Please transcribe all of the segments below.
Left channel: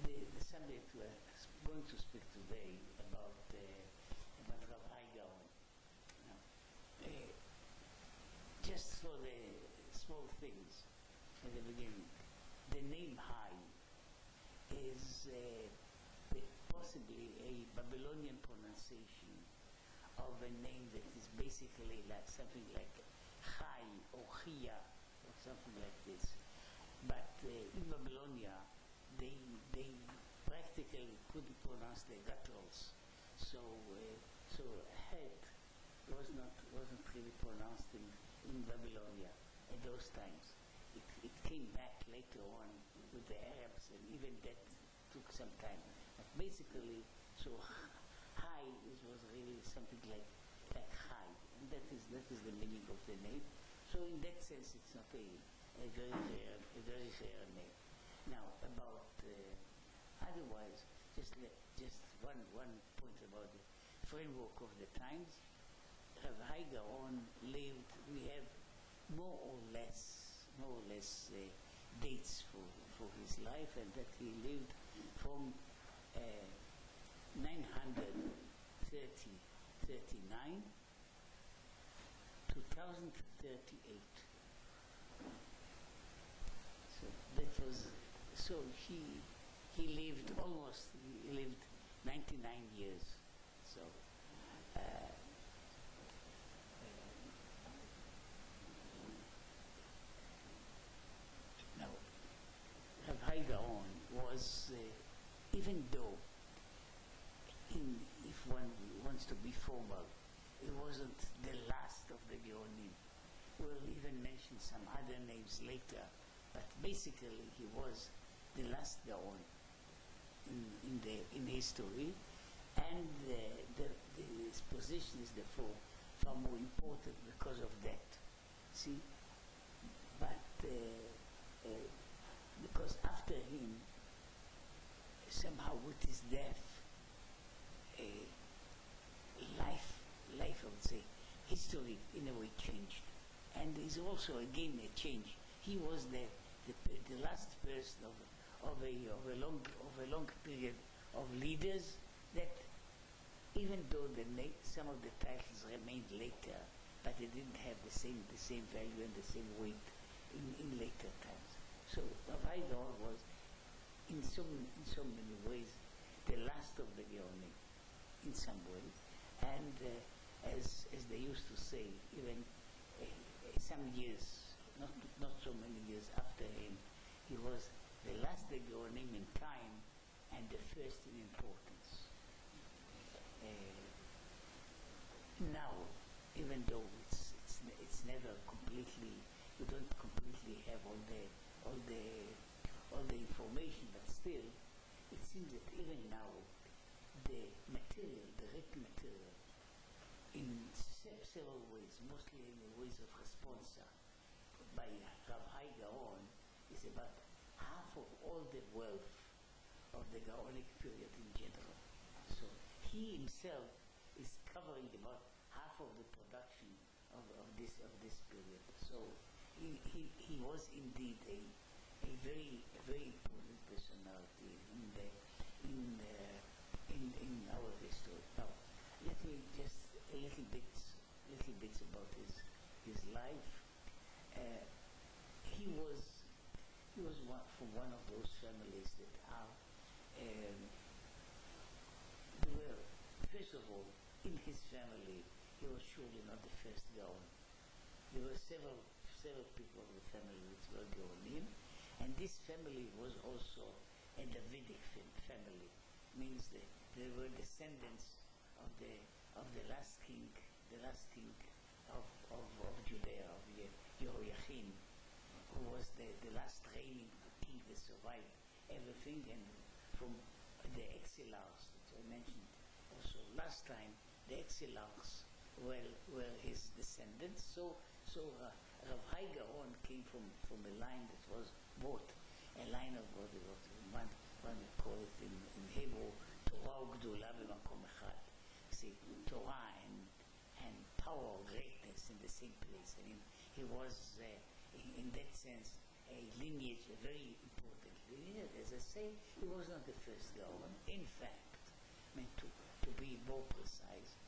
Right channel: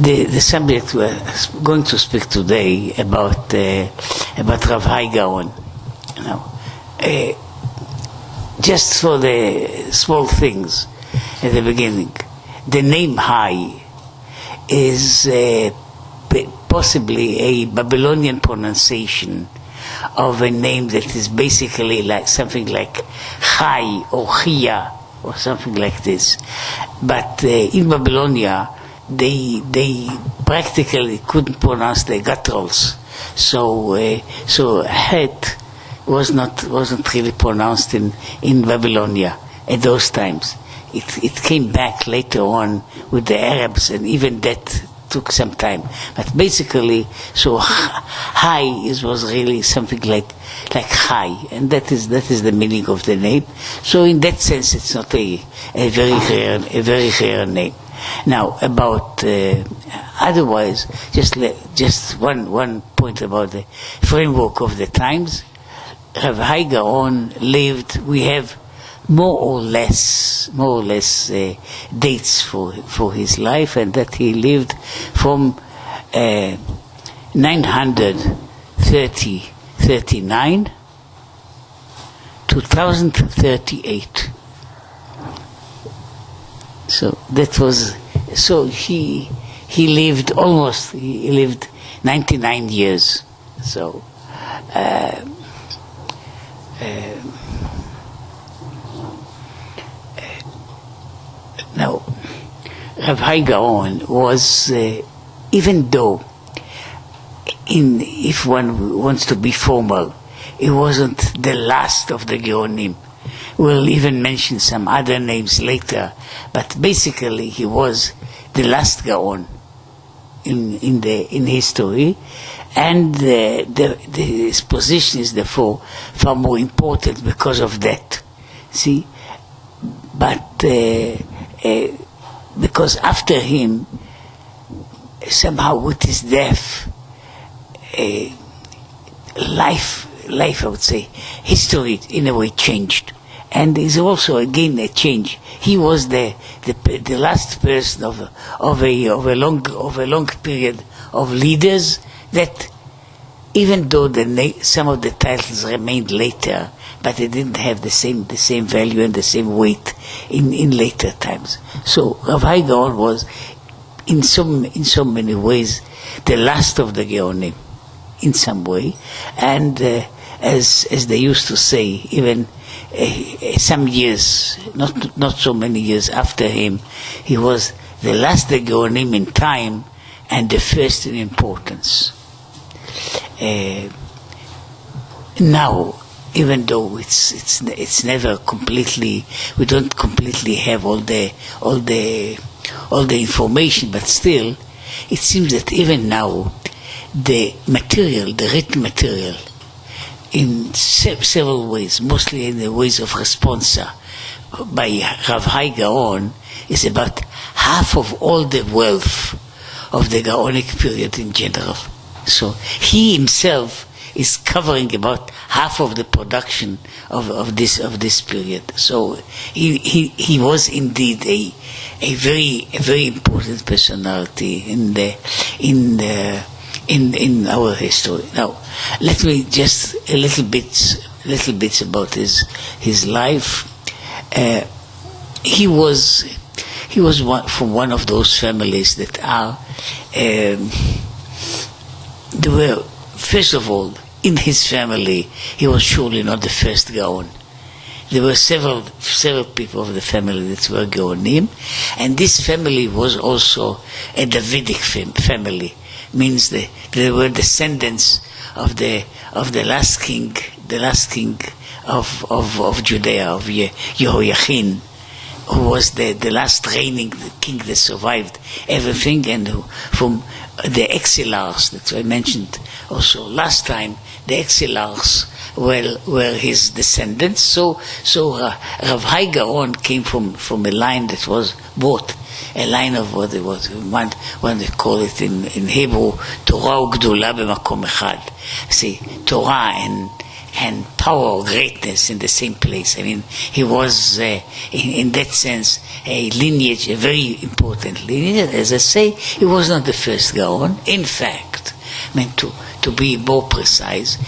the subject we're going to speak today about Rav Hai Gaon. Just for the small things at the beginning, the name Hai is possibly a Babylonian pronunciation of a name that is basically like something like Chai or Chia or something like this. But in Babylonia, they practically couldn't pronounce the gutturals, so Het wasn't really pronounced in Babylonia at those times. It came back later on with the Arabs, and even that took some time. But basically, so Hai was really something like Chai, and that is the meaning of the name. So in that sense, it's not a very rare name. Now about otherwise, just one point about the framework of the times. Rav Hai Gaon lived. We have more or less dates for his life, and that he lived from 939 to 1038. So that was, so he lived 99 years. So now Rav Hai Gaon was, even though if one wants to be formal, it wasn't the last of the Gaonim. We'll even mention some other names later, but basically he was the last Gaon in history, and his position is therefore far more important because of that. See, but because after him, somehow with his death, life, I would say, history in a way changed. And is also again a change. He was the last person of a long period of leaders that, even though some of the titles remained later, but they didn't have the same value and the same weight in later times. So Rav Hai Gaon was in so many ways the last of the Gaonim in some way, and as they used to say, even some years, not so many years after him, he was the last Gaonim in time and the first in importance. Now, even though it's never completely, we don't completely have all the information, but still, it seems that even now, the written material, in several ways, mostly in the ways of responsa by Rav Hai Gaon, is about half of all the wealth of the Gaonic period in general. So he himself is covering about half of the production of this period. So he was indeed a very important personality in our history. Now, let me just a little bits about his life. He was from one of those families that are. There were, first of all, in his family, he was surely not the first Gaon. There were several people of the family that were Gaonim, and this family was also a Davidic family. Means they were descendants of the last king of Judea, of Yehoiachin, who was the last reigning king that survived everything, and who, from the exilars that I mentioned also last time, the exilars were his descendants. So Rav Hai Gaon came from a line that was both a line of what it was, one they call it in Hebrew, Torah u'Gdula b'makom echad. See, Torah and power or greatness in the same place. I mean, he was, in that sense, a lineage, a very important lineage. As I say, he was not the first Gaon. In fact, I mean, to be more precise,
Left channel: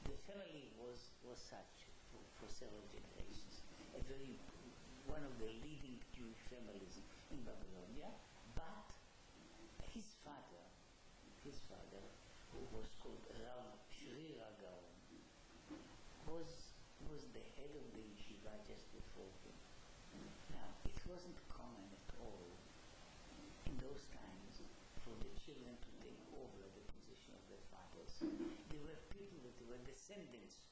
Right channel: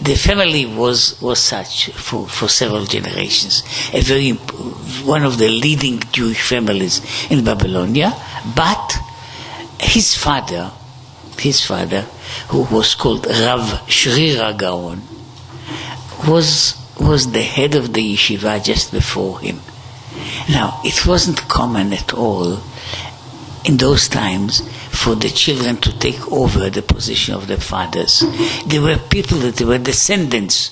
the family was such for several generations, one of the leading Jewish families in Babylonia. But his father, who was called Rav Hai Gaon, was the head of the yeshiva just before him. Now, it wasn't common at all in those times for the children to take over the position of their fathers. There were people that were descendants,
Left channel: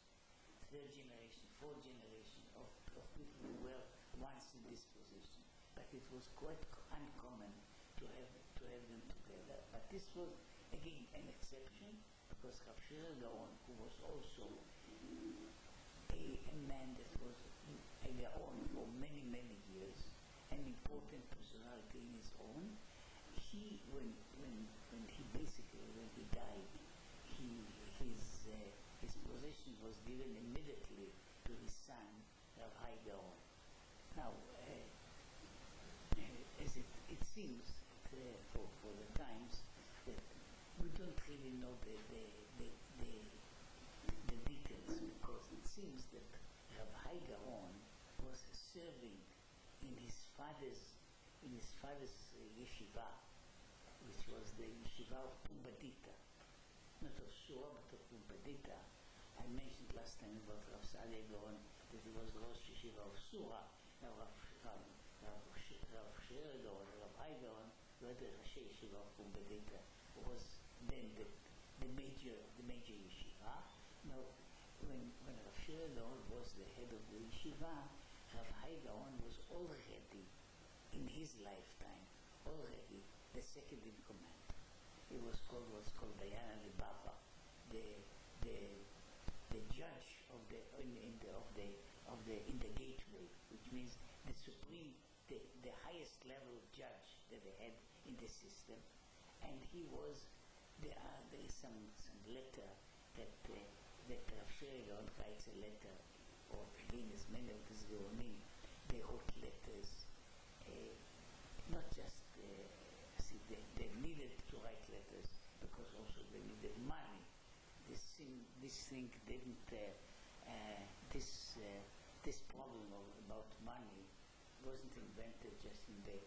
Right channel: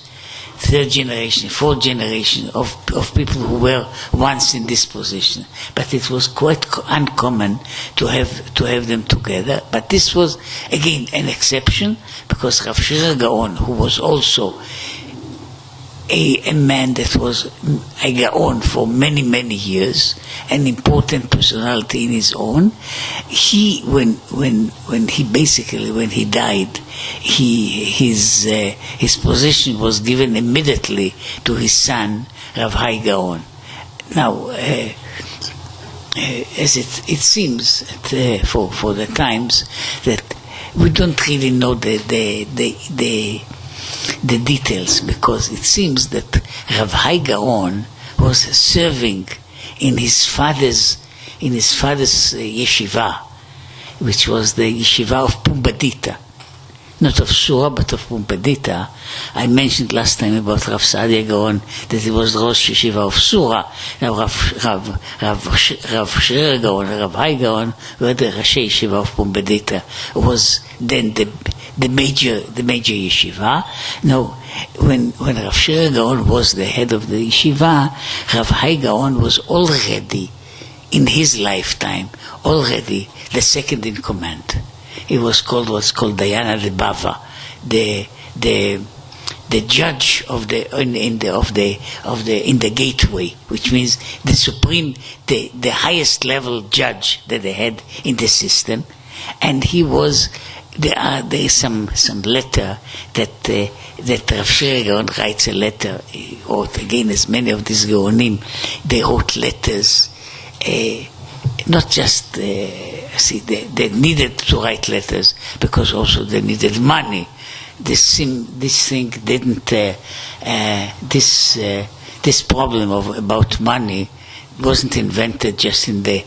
third generation, fourth generation of people who were once in this position. But it was quite uncommon to have them together. But this was, again, an exception, because Rav Hai Gaon, who was also a man that was a Gaon for many, many years, an important personality in his own. When he died, his position was given immediately to his son, Rav Hai Gaon. Now, as it seems for the times that we don't really know the details, because it seems that Rav Hai Gaon was serving in his father's yeshiva, which was the yeshiva of Pumbedita, not of Sura but of Pumbedita. I mentioned last time about Rav Hai Gaon that he was the Rosh Yeshiva of Sura. Now Rav Hai Gaon, Rav Hai Gaon were the Rosh Yeshiva of Pumbedita, was then the major yeshiva. Now, when Rav Hai Gaon was the head of the yeshiva, Rav Hai Gaon was already, in his lifetime, already the second in command. He was called what's called Dayana de Bava, the judge of the in the gateway, which means the supreme, the highest level judge that they had in the system, and he was. There is some letter that Rav Hai Gaon writes a letter. He wrote, again, as many of these Gaonim, they wrote letters, not just, they needed to write letters, because also they needed money. This thing didn't, this problem about money wasn't invented just in the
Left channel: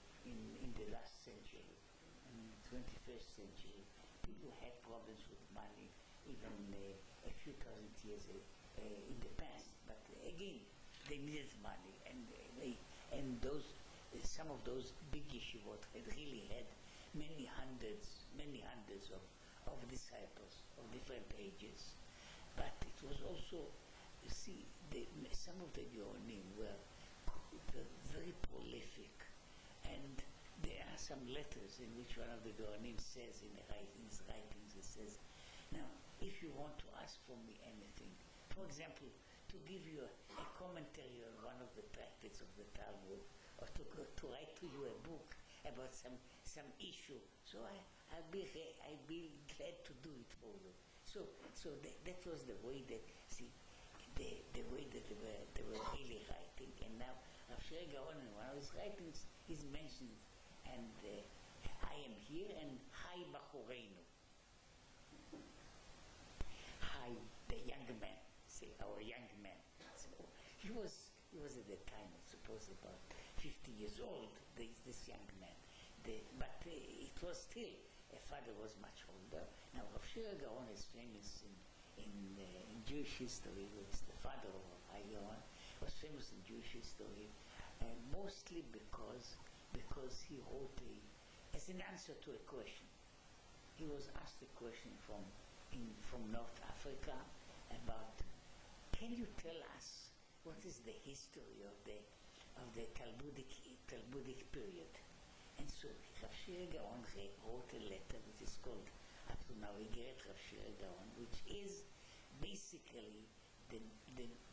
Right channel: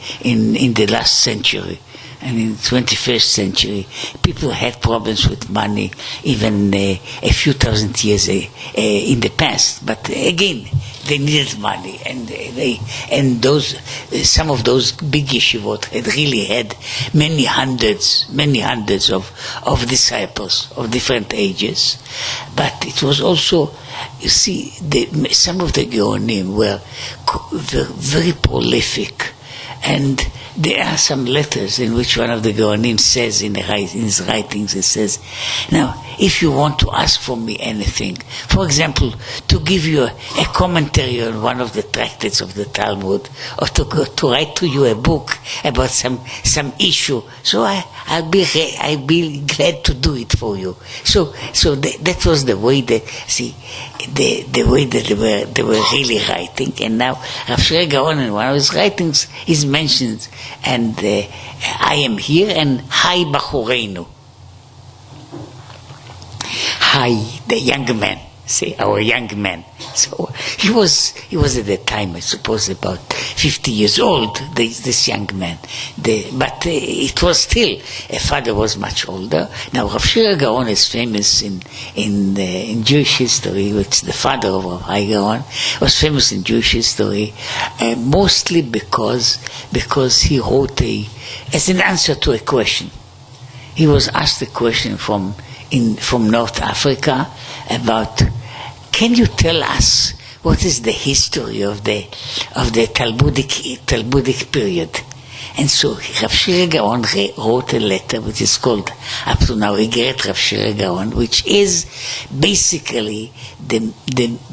last century. And in the 21st century, people had problems with money even a few thousand years in the past. But again, they needed money, and some of those big yeshivot had really had many hundreds of disciples of different ages. But it was also, you see, some of the Gaonim were very prolific. And there are some letters in which one of the Gaonim says in his writings, it says, now, if you want to ask from me anything, for example, to give you a commentary on one of the tractates of the Talmud, or to write to you a book about some issue, so I'll be glad to do it for you. So that was the way that, the way that they were really writing. And now Rav Hai Gaon, in one of his writings, is mentioned, and I am here, and Hai Bachureinu. Hai, the young man, our young man. So he was at that time, I suppose, about 50 years old, this young man. But it was still, a father was much older. Now Rav Hai Gaon is famous in Jewish history, which the father of Rav Hai Gaon was famous in Jewish history, mostly because he wrote as an answer to a question. He was asked a question from North Africa about, can you tell us what is the history of the Talmudic period? And so Rav Hai Gaon wrote a letter which is called, up to now, Igeret Rav Hai Gaon, which is basically the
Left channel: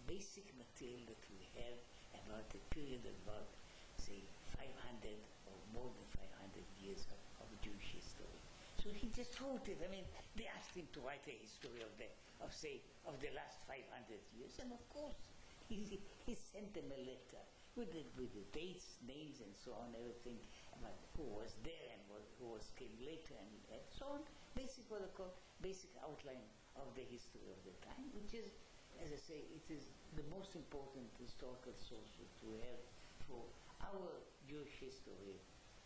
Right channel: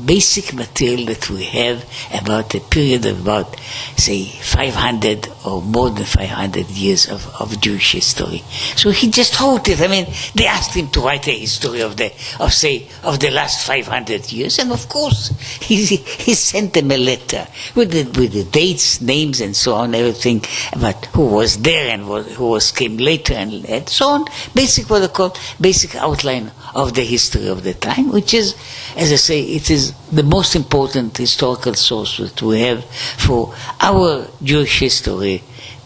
basic material that we have about a period of about, say, 500 or more than 500 years of Jewish history. So he just wrote it. I mean, they asked him to write a history of the last 500 years, and of course he sent them a letter with the dates, names, and so on, everything about who was there and who came later, and so on. Basic, what they call basic outline of the history of the time, which is, as I say, it is the most important historical source that we have for our Jewish history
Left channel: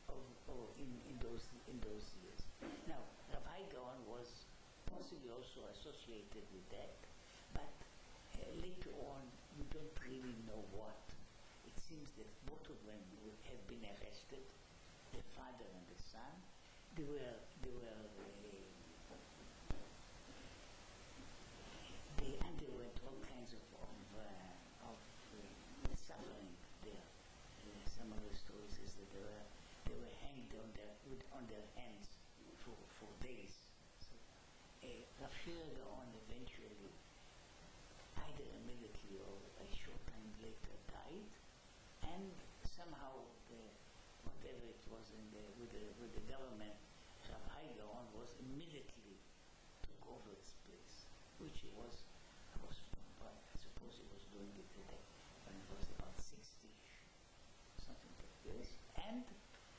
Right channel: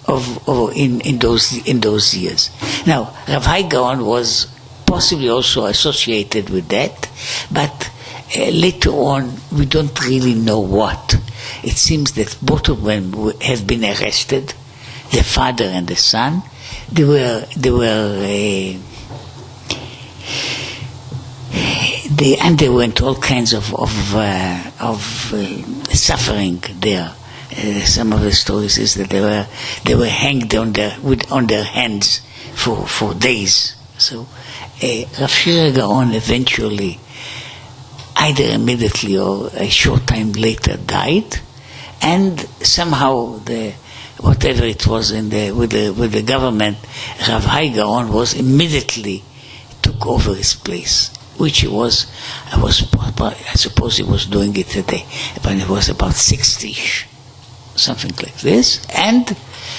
in those years. Now, Rav Hai Gaon was possibly also associated with that, but later on we don't really know what. It seems that both of them have been arrested, the father and the son. They underwent all kinds of suffering there. Some of the stories is that they were hanged on their hands for days. So Rav Hai Gaon eventually, either immediately or a short time later, died, and somehow whatever it was with the government, Rav Hai Gaon was immediately took over his place, which I suppose he was doing it today, but it was about 60-ish, something like this. And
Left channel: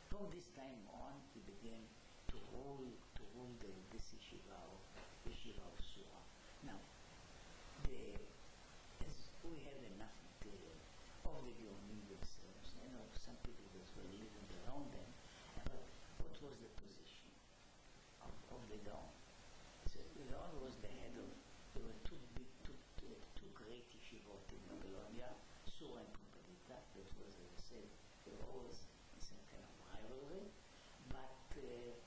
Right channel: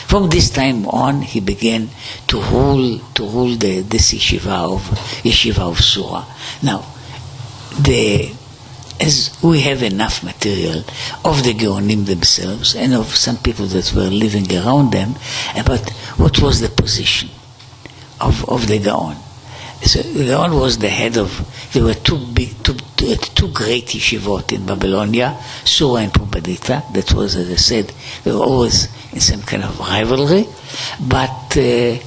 from this time on, he began to rule this yeshiva of Sura. Now, as we have enough material of the Gaonim themselves and of some people that were living around them about what was the position of the Gaon. So the Gaon was the head of, there were two great yeshivot in Babylonia, Sura and Pumbedita. That was, as I said, they were always in some kind of rivalry, but those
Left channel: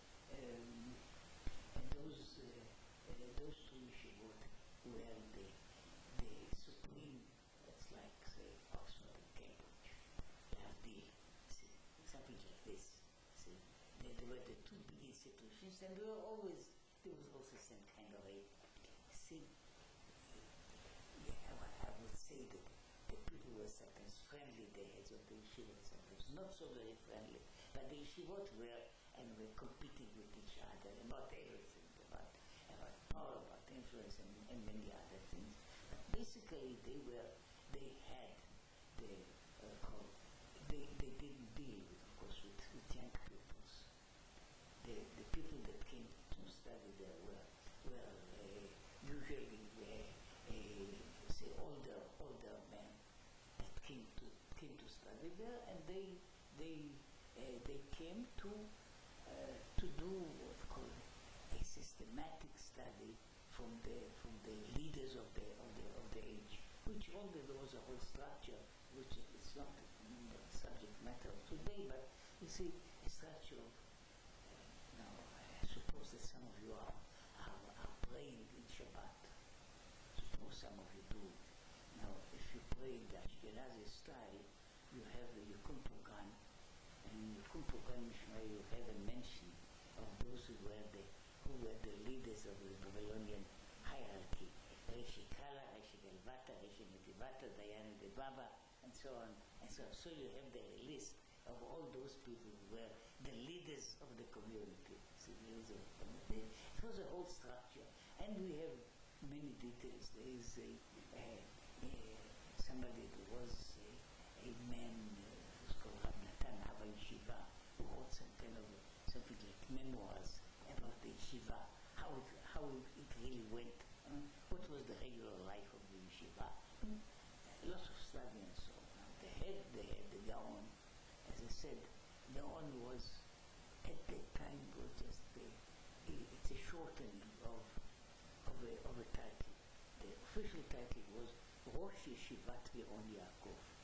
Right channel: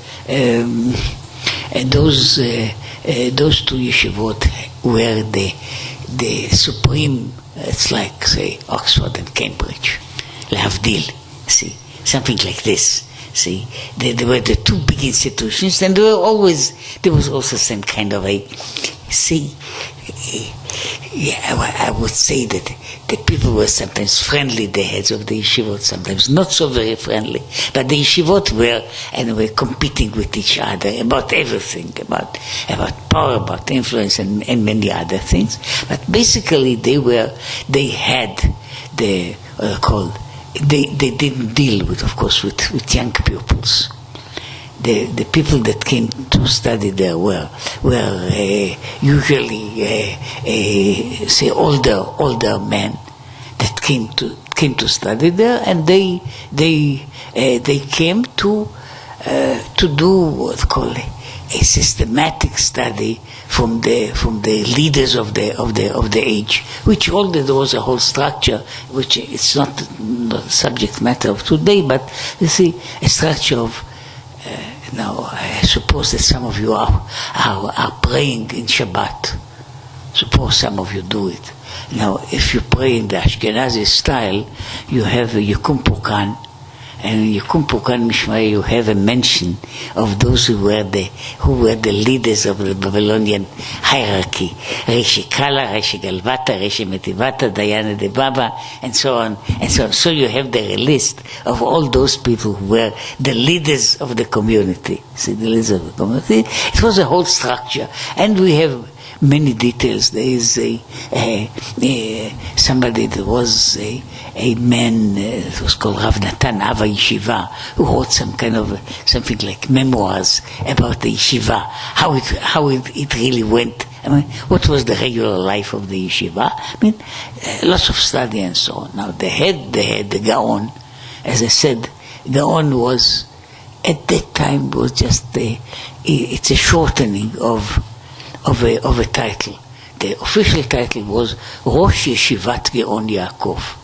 two yeshivot were the supreme, it's like, say, Oxford and Cambridge, Lehavdil, see, something like this. See, they were the two big institutions, and there was also some kind of I would say that the people were sometimes friendly, the heads of the yeshivot, sometimes not so very friendly, but the yeshivot were competing with each other about everything, about power, about influence, and many other things. But basically they had the they didn't deal with, of course, with young pupils. The people that came to study there were usually say older men that came to study there, and they came to do what's called a systematic study from the leaders of the age, which there was a whole structure, which it's not the subject matter of today, but you see a structure of. Now I suppose that some of you are praying in Shabbat. Suppose some of you do it. Now, if you pray in the Ashkenazi style, you have a Yukum Pukan, and in Yukum Pukan Mishmai you have a mention of those who were the leaders of the Babylonian hierarchy. Reishi Kala, Reishi Galvata, Reishi Metivata, Dayana de Baba, and so on, and so on. So you have the list of all those people who were the leaders of the community. See, the leaders of the community. It was a whole structure, and we have many details. There is somebody that was a man, it was called Rav Natan Ava Yeshiva, who wrote some kind of something like memoirs about the yeshiva, how it really went. I mean, what was the regular life of the yeshiva? I mean, lots of study and so on. Now the Gaon, as I said, Gaon was at that time was just it's a shortening of a title. The official title was Rosh Yeshivat Gaon Yaakov.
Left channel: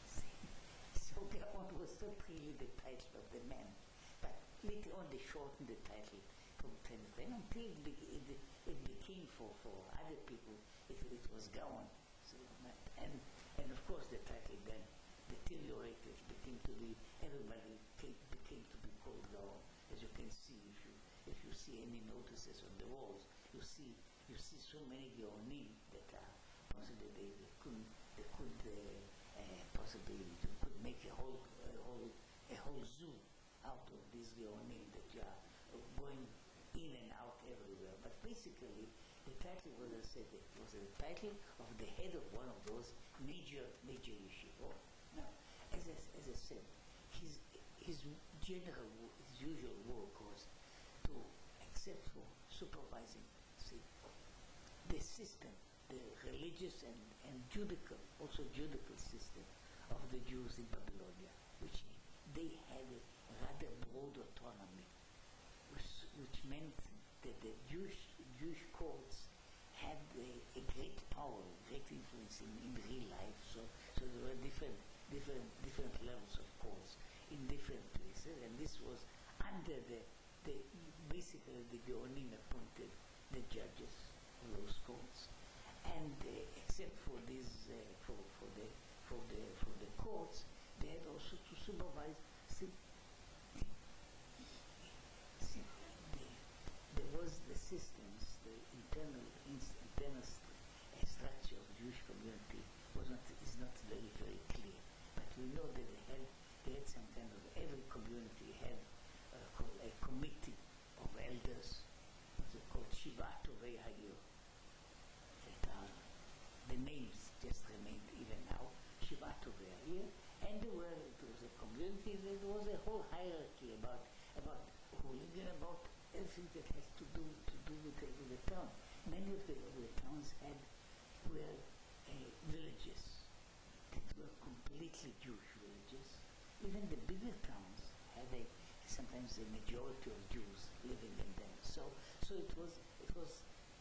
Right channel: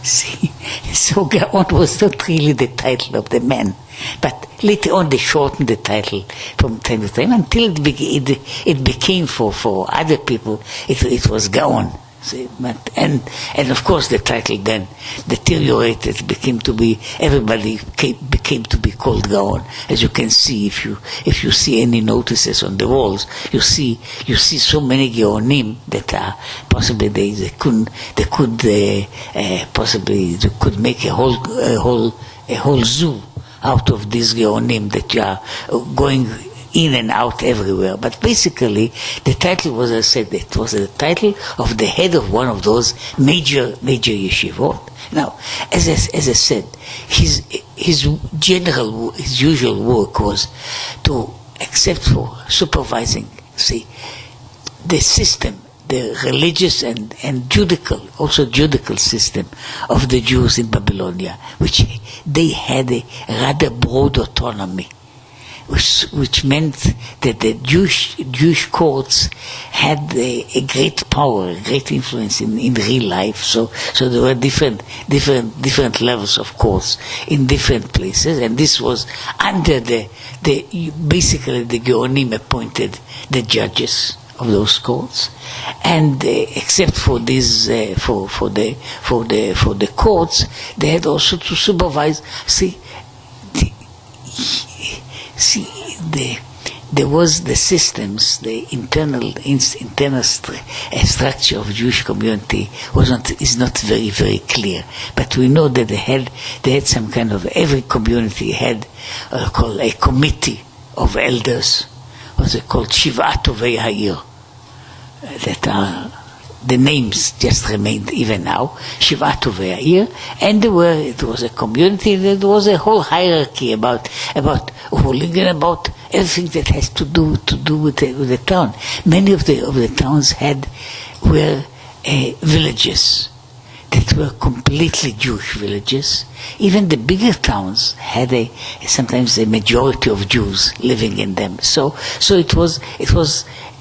See, so Gaon was not really the title of the man, but later on they shortened the title from time to time until it became for other people it was Gaon. See, and of course the title then deteriorated, became to be called Gaon. As you can see, if you see any notices on the walls, you see so many Gaonim that are possibly they could make a whole zoo out of these Gaonim that you are going in and out everywhere. But basically, the title was, as I said, it was the title of the head of one of those major yeshivot. Now, as I said, his usual work was to, except for supervising, the system, the religious and judicial system of the Jews in Babylonia, which they had a rather broad autonomy, which meant that the Jewish courts had a great power, a great influence in real life. So there were different levels of courts in different places, and this was under basically the Gaonim appointed the judges of those courts, and except for these for the courts, they had also to supervise. There was the systems, the internal structure of Jewish community is not very, very clear. But we know that they had some kind of, every community had called a committee of elders, what's it called, Shivat Tovei Ha'ir, that are, the names just remained even now, Shivat Tovei Ha'ir, and it was a community, there was a whole hierarchy about ruling and about everything that has to do with the town. Many of the towns were villages that were completely Jewish villages. Even the bigger towns had sometimes a majority of Jews living in them. So it was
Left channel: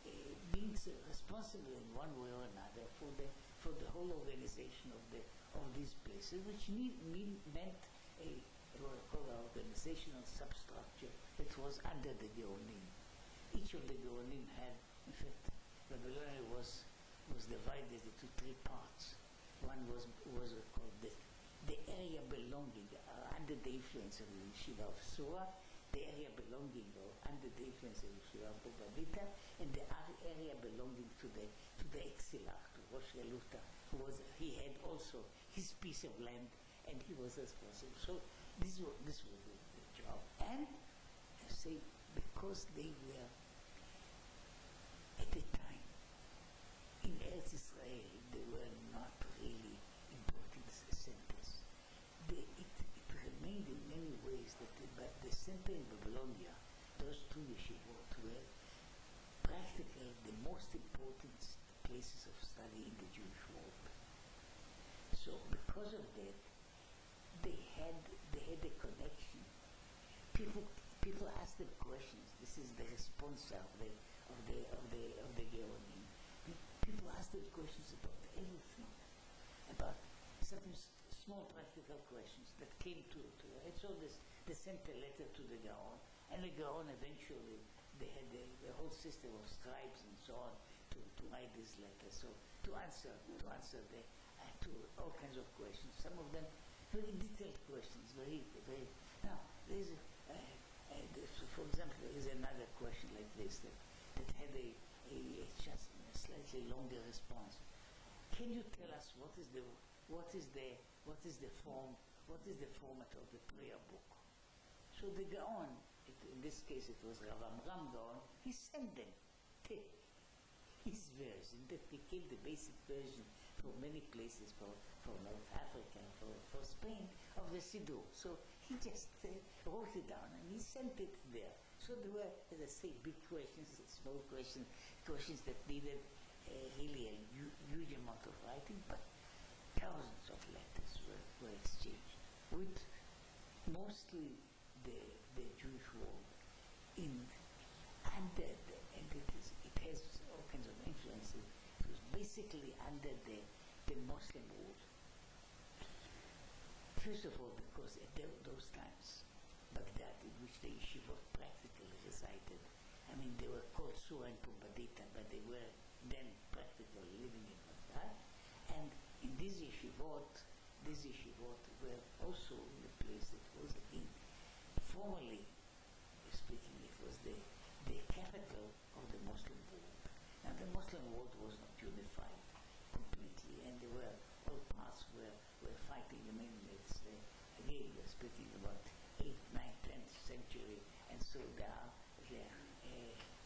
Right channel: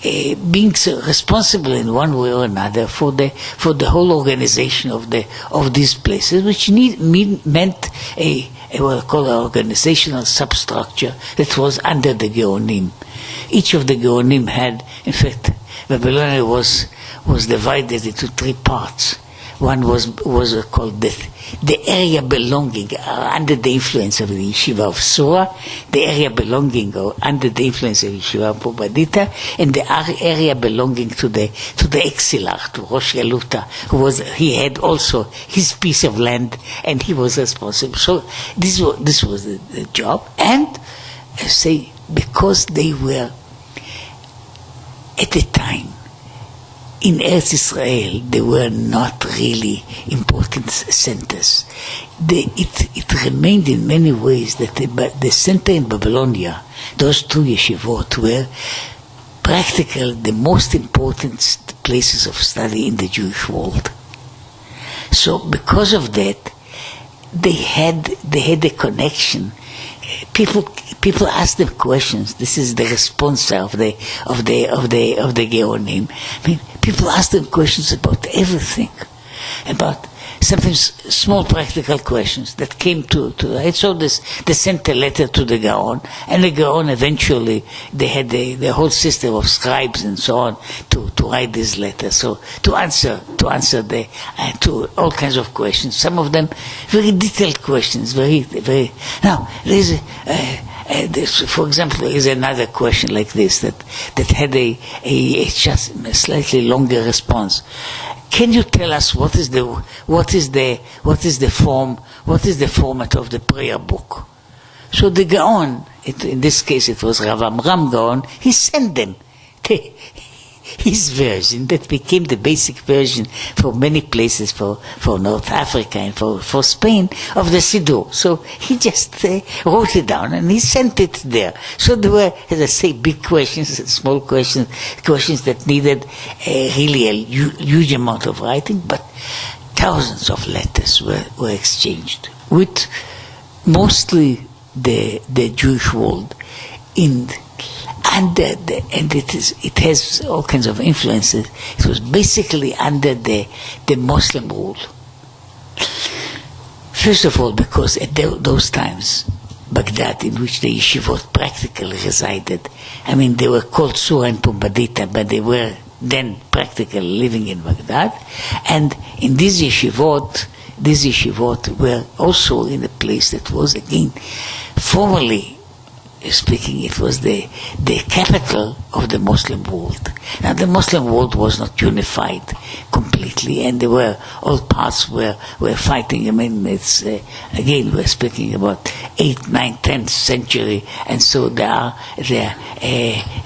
being responsible in one way or another for the whole organization of these places, which meant what I call an organizational substructure that was under the Gaonim. Each of the Gaonim had, in fact, Babylonia was divided into three parts. One was called the area belonging under the influence of the yeshiva of Sura, the area belonging under the influence of yeshiva of Pumbedita, and the area belonging to the exilar, to Rosh Galuta, he had also his piece of land, and he was responsible. So this was the job, and because they were at the time in Eretz Israel, they were not really important centers. It remained in many ways that the center in Babylonia, those two yeshivot, were practically the most important places of study in the Jewish world. So because of that, they had a connection. People ask them questions. This is the response of the Gaonim. I mean, people ask them questions about everything, about sometimes small practical questions that came to right. So they sent a letter to the Gaon, and the Gaon eventually they had the whole system of scribes and so on to write this letter. So to answer to all kinds of questions. Some of them very detailed questions. Very. Now there's for example, there is another question like this that had a just a slightly longer response. Can you tell us what is the format of the prayer book? So the Gaon, in this case it was Rav Amram Gaon, he sent them his version that became the basic version for many places, for North Africa and for Spain, of the Siddur. So he just wrote it down and he sent it there. So there were, as I say, big questions and small questions that needed really a huge amount of writing, but thousands of letters were exchanged with mostly the Jewish world and it has all kinds of influences. It was basically under the Muslim rule. First of all, because at those times, Baghdad, in which the yeshivot practically resided, I mean, they were called Sura and Pumbedita, but they were then practically living in Baghdad. And in these yeshivot were also in a place that was, again, formerly speaking, it was the capital of the Muslim world. Now, the Muslim world was not unified completely, and there were all parts were fighting. I mean, it's again, we're speaking about 8th, 9th, 10th century, and so there are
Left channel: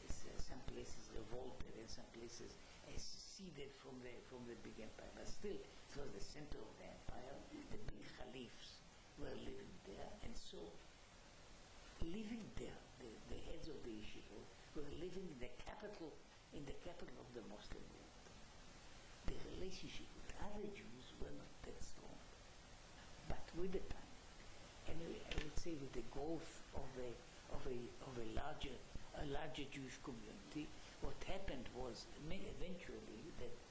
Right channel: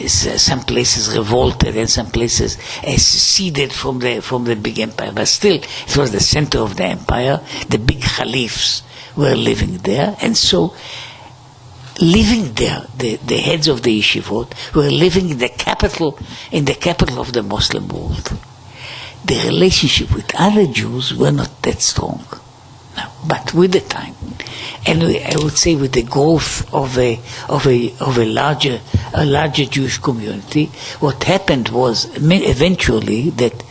some places revolted and some places seceded from the big empire. But still, it was the center of the empire. The big caliphs were living there, and so living there, the heads of the yeshivot were living in the capital of the Muslim world. The relationship with other Jews were not that strong. Now, but with the time, and I would say with the growth of a larger Jewish community, what happened was eventually that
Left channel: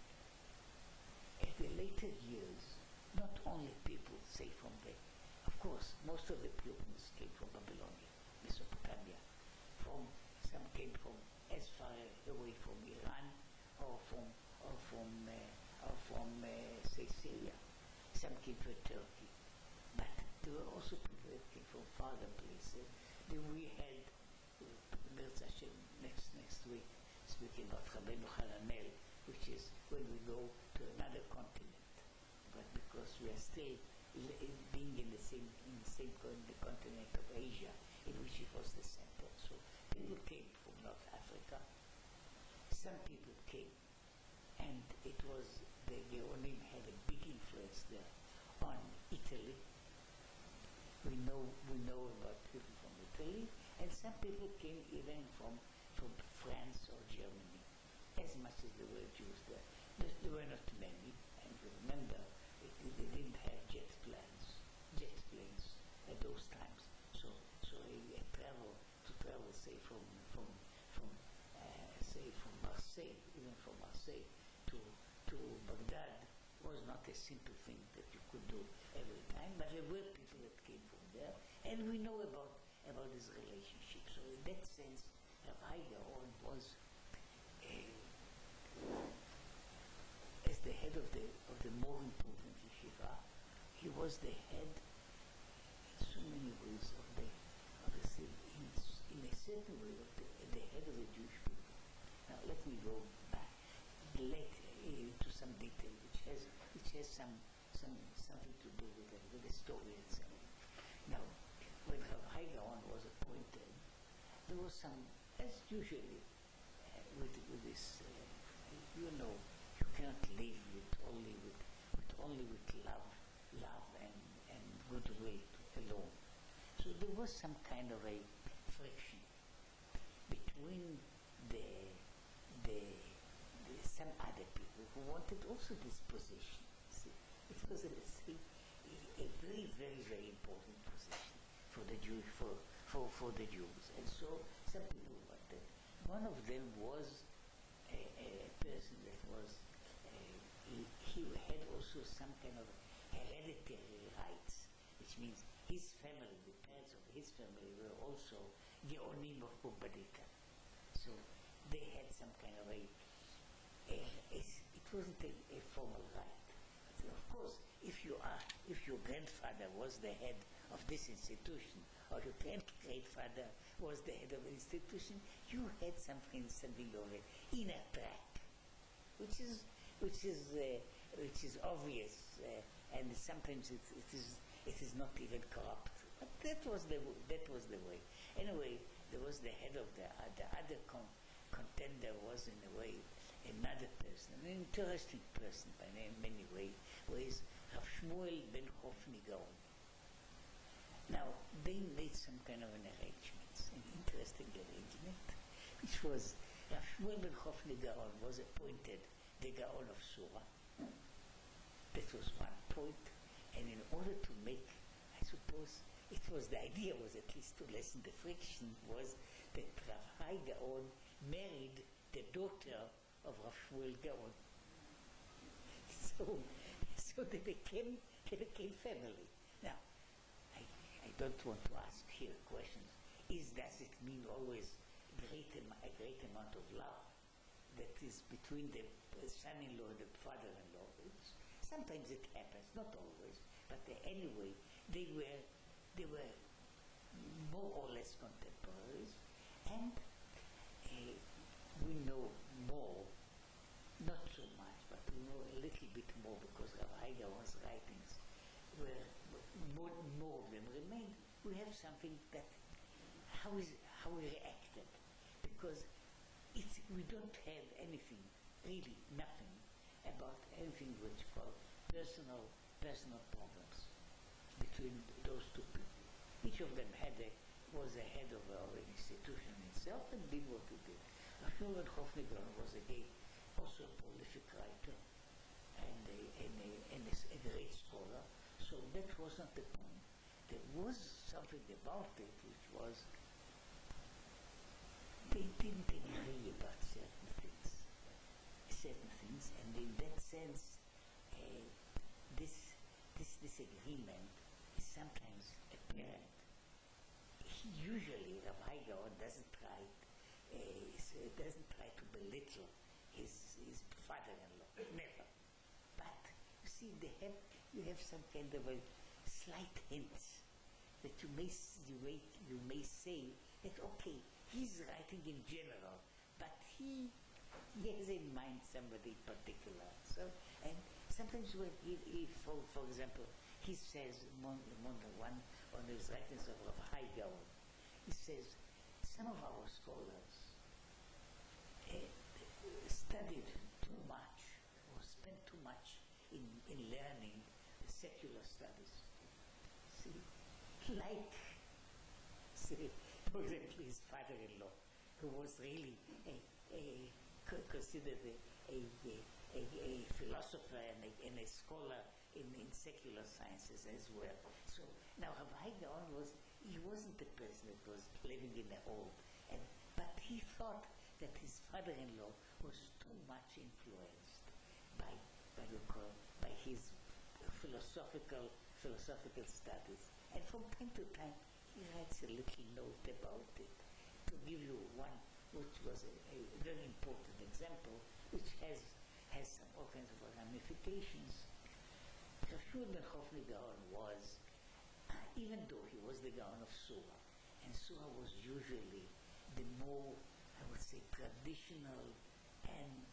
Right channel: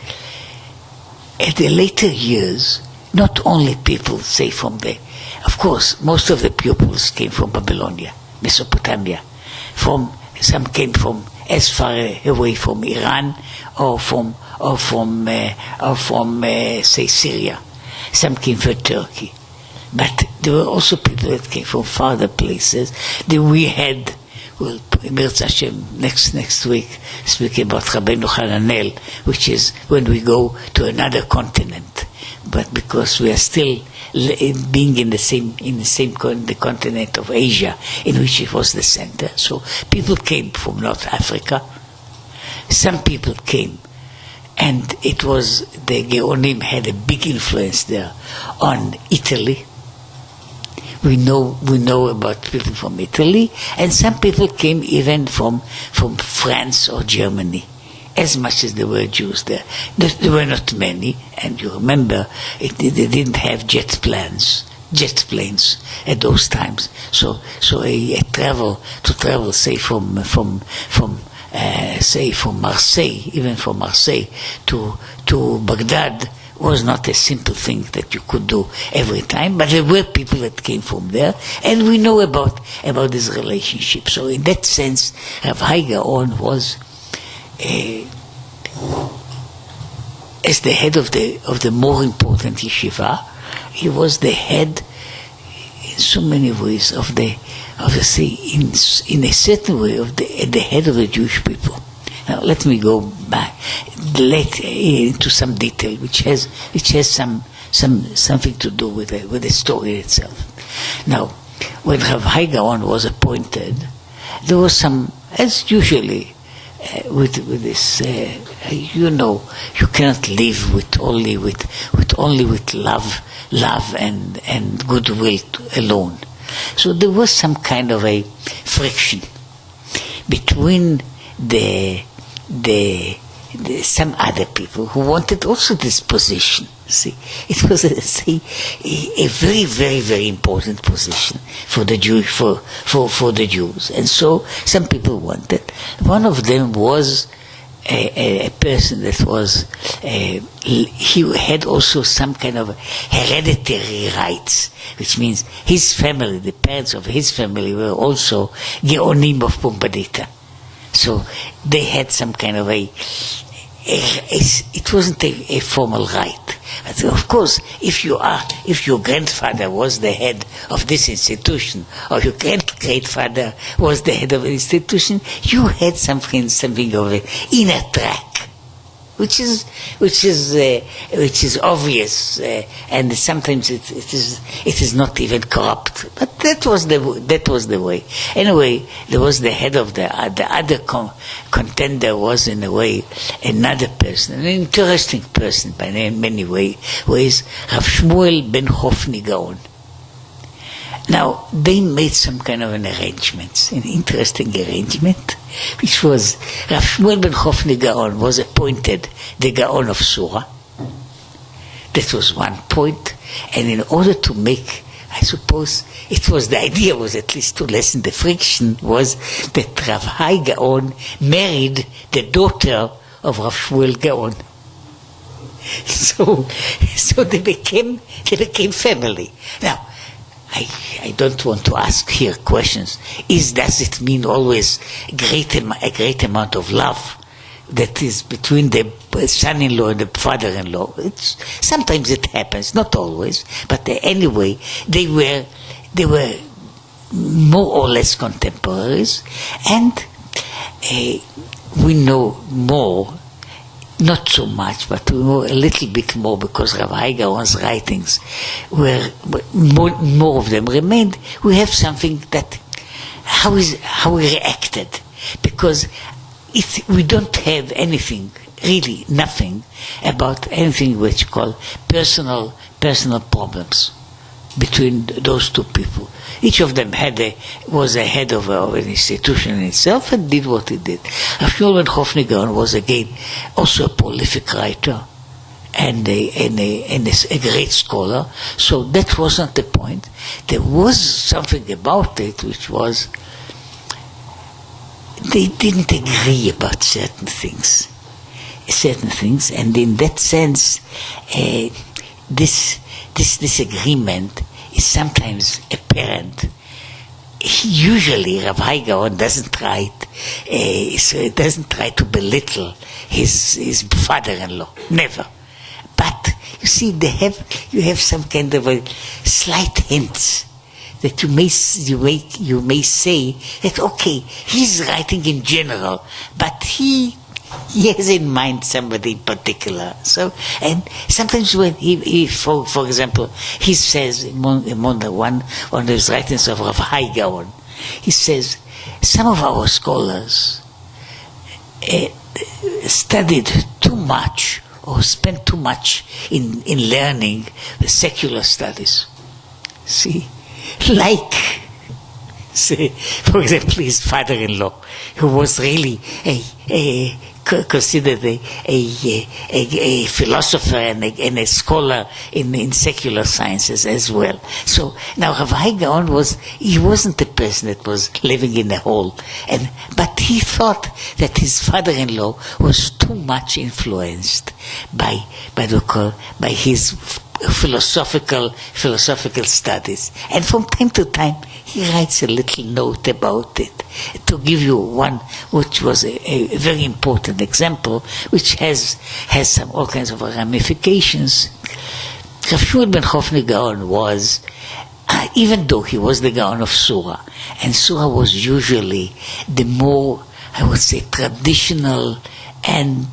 at the later years, not only people say from the, of course, most of the pupils came from Babylonia, Mesopotamia. Some came from as far away from Iran or from say Syria. Some came from Turkey, but there were also people that came from farther places. That we had, well, Mirz Hashem next week speak about Rabbeinu Hananel, which is when we go to another continent. But because we are still being in the continent of Asia, in which it was the center, so people came from North Africa. Some people came, and it was the Geonim had a big influence there on Italy. We know about people from Italy, and some people came even from France or Germany. As much as there were Jews there. There were not many, and you remember, they didn't have jet planes at those times. So to travel, say from Marseille, even from Marseille to Baghdad, was not a simple thing that you could do every time, but there were people that came from there, and we know about this relationship. So in that sense, Rav Hai Gaon was as the head of the more important yeshiva. He was the head in so many ways in a certain way the head of the Jewish people. Now let me go back into some detail which has something to do with the story itself. Now, when Rav Hai Gaon was appointed, there was some, as usually with this, you cannot live with only with love and goodwill alone. So there was some kind of a friction between some other people who wanted also this position. See, it was a very, very, very important position for the Jews, and so some people wanted. One of them was a person that was he had also some kind of hereditary rights, which means his family, the parents of his family, were also Geonim of Pumbedita. So they had some kind of it wasn't a formal right. But of course, if your grandfather was the head of this institution, or your great-grandfather was the head of an institution, you had something of an inner track, which is obvious, and sometimes it is not even corrupt. But that was the way. Anyway, there was the head of the other contender was in a way another person, an interesting person by many ways, Rav Shmuel ben Hofni Gaon. Now, they made some kind of an interesting arrangement, which was Rav Shmuel ben Hofni Gaon was appointed the Gaon of Sura. That was one point. And in order to make, I suppose, the idea was at least to lessen the friction, was that Rav Hai Gaon married the daughter of Rav Shmuel Gaon. So they became family. Now, I don't want to ask here questions. Does it mean always a great amount of love? that is between the son-in-law and the father-in-law. Sometimes it happens, not always, but anyway, they were more or less contemporaries, and we know more, not so much, but we know a little bit more because Rav Hai Gaon's writings were more of them remained. We have something that how he reacted, because we don't have anything, really nothing, about anything which you call personal problems between those two people. Each of them was a head of an institution in itself and did what he did. Rav Shmuel ben Rav Hai Gaon was again also a prolific writer and a great scholar. So that wasn't the point. There was something about it which was they didn't agree about certain things, and in that sense, this disagreement is sometimes apparent. Usually, Rav Hai Gaon doesn't try to belittle his father-in-law, never. But you see, you have some kind of a slight hints that you may say that okay, he's writing in general, but he has in mind somebody in particular. So, and sometimes when he for example, he says among one of his writings of Rav Hai Gaon, he says some of our scholars studied too much or spent too much in learning the secular studies. See, like, say, for example, his father-in-law, who was really considered a philosopher and a scholar in secular sciences as well. So now Rav Hai Gaon wasn't the person that was living in a hole, but he thought that his father-in-law was too much influenced by his philosophical studies, and from time to time he writes a little note about it. To give you one, which was a very important example, which has all kinds of ramifications. Rav Shmuel ben Rav Hai Gaon was, even though he was the Gaon of Surah, and Surah was usually the more, I would say, traditional and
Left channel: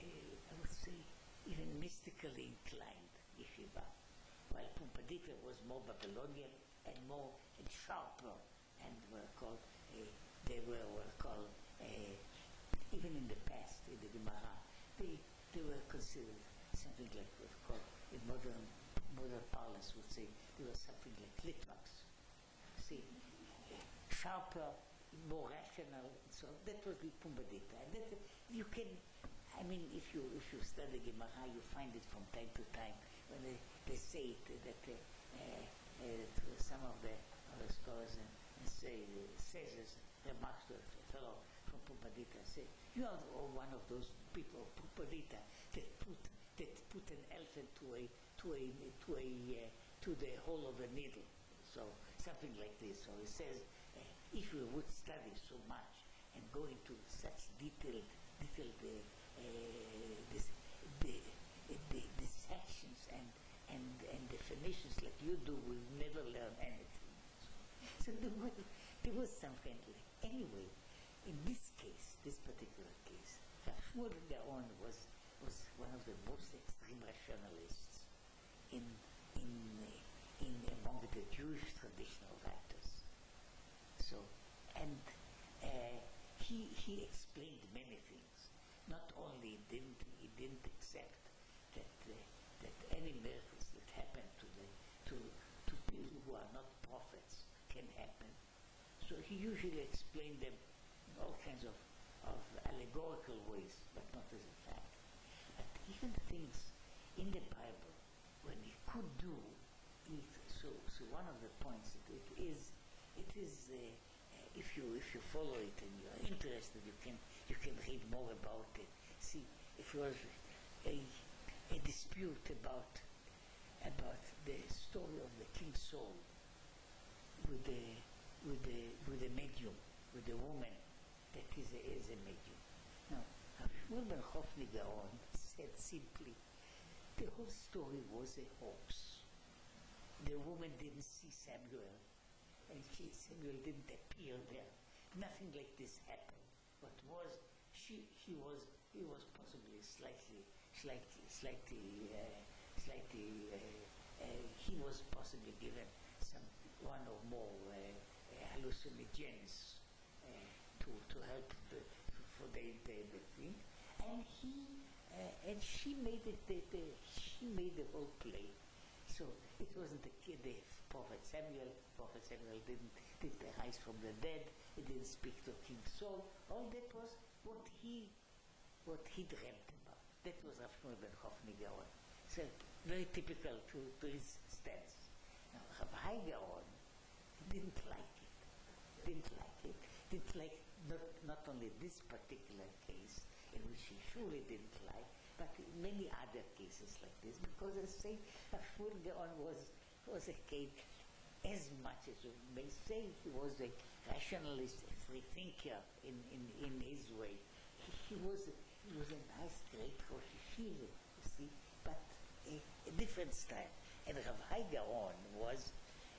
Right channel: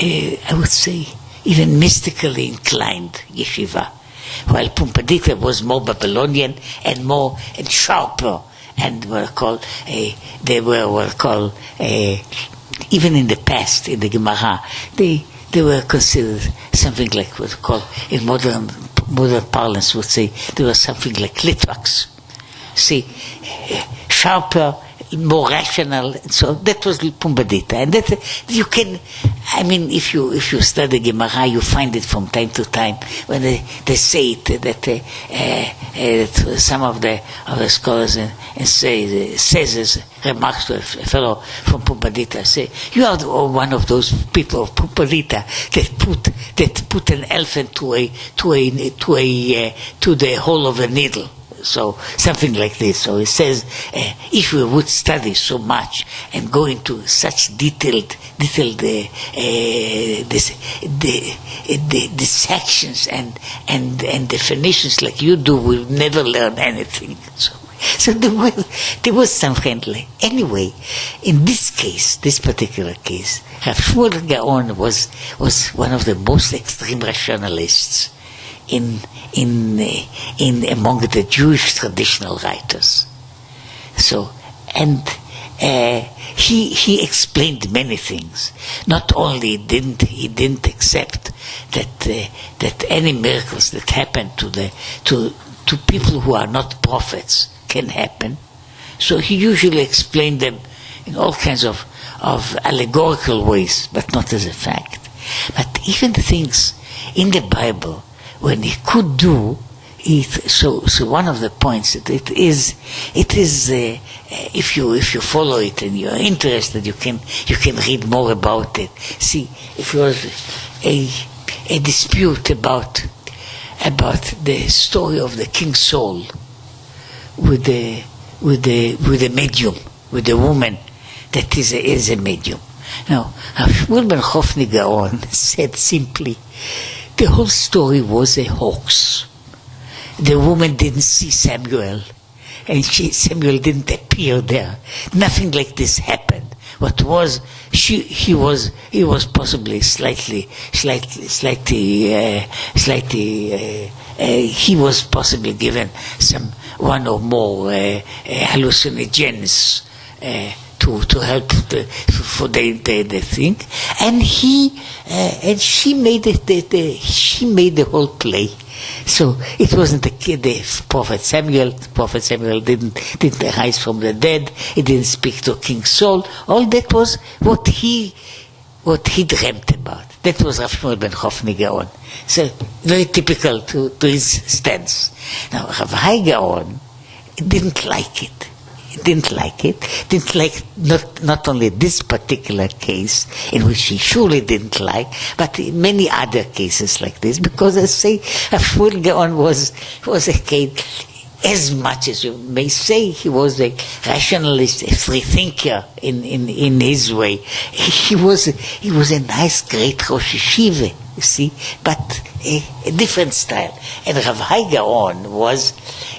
I would say even mystically inclined yeshiva, while Pumbedita was more Babylonian and more and sharper, and were called even in the past, in the Gemara, they were considered something like what we call in modern parlance would say they were something like Litvaks. See, sharper, more rational. So that was Pumbedita, and that you can. I mean, if you study Gemara, you find it from time to time when they say it that some of the scholars and says as remarks to a fellow from Pumbedita, say you are one of those people of Pumbedita that put an elephant to the hole of a needle. So something like this. So it says, if we would study so much and go into such detailed dissections and definitions like you do, we'll never learn anything. So there was some friendly. Anyway, in this case, this particular case, Rav Shmuel Gaon was one of the most extreme rationalists in among the Jewish traditional writers. So, and he explained many things. Not only he didn't accept that any miracles that happen to people who are not prophets can happen. So he usually explained them in all kinds of allegorical ways, but not as a fact. But even the things in the Bible, when he could do it, so one of the points that it is if you follow it and you're interested, you can read more about it. See, if there was a dispute about the story of the King Saul with the medium, with the woman that is a medium. Now, Shmuel ben Chofni Gaon said simply, the whole story was a hoax. The woman didn't see Samuel, and Samuel didn't appear there. Nothing like this happened. What was, he was possibly slightly, he was possibly given one or more hallucinogens to help for the thing, and she made the whole play. So it wasn't the Prophet Samuel. Prophet Samuel didn't rise from the dead. He didn't speak to King Saul. All that was what he dreamt about. That was Rav Shmuel ben Chofni Gaon. So very typical to his stance. Now Rav Hai Gaon didn't like it. Didn't like not only this particular case, in which he surely didn't like, but many other cases like this, because I say Rav Shmuel Gaon was a case, as much as you may say he was a rationalist, a free thinker in his way. He was a nice, great Rosh Yeshiva, you see, but a different style. And Rav Hai Gaon was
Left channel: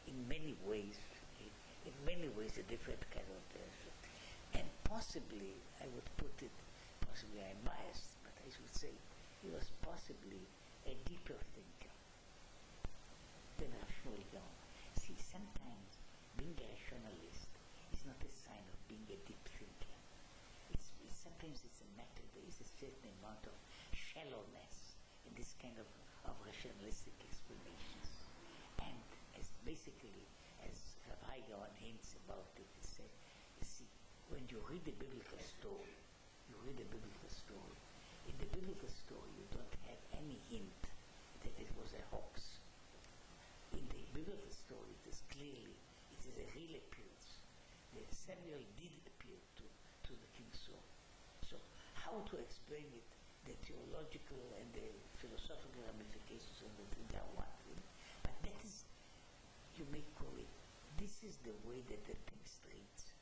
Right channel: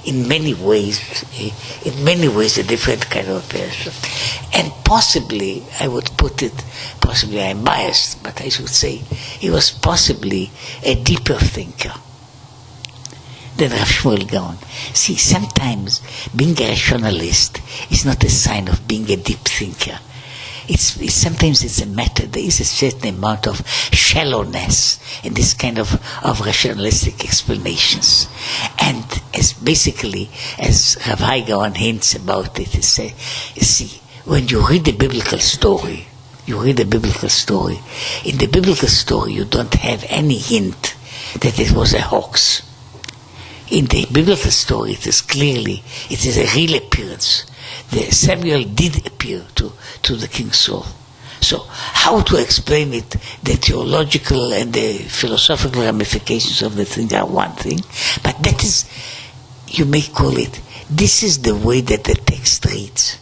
in many ways a different kind of person. And possibly, I would put it, possibly I'm biased, but I should say he was possibly a deeper thinker than Rav Shmuel Gaon. See, sometimes being a rationalist is not a sign of being a deep thinker. Sometimes it's a matter, there is a certain amount of shallowness in this kind of rationalistic explanations. And as Rav Hai Gaon hints about it, you see, when you read the biblical story, in the biblical story you don't have any hint that it was a hoax. In the biblical story it is a real appearance. Samuel did appear to the King Saul. So how to explain it, the theological and the philosophical ramifications of the thing are one thing, but that is, you may call it, this is the way that the text reads.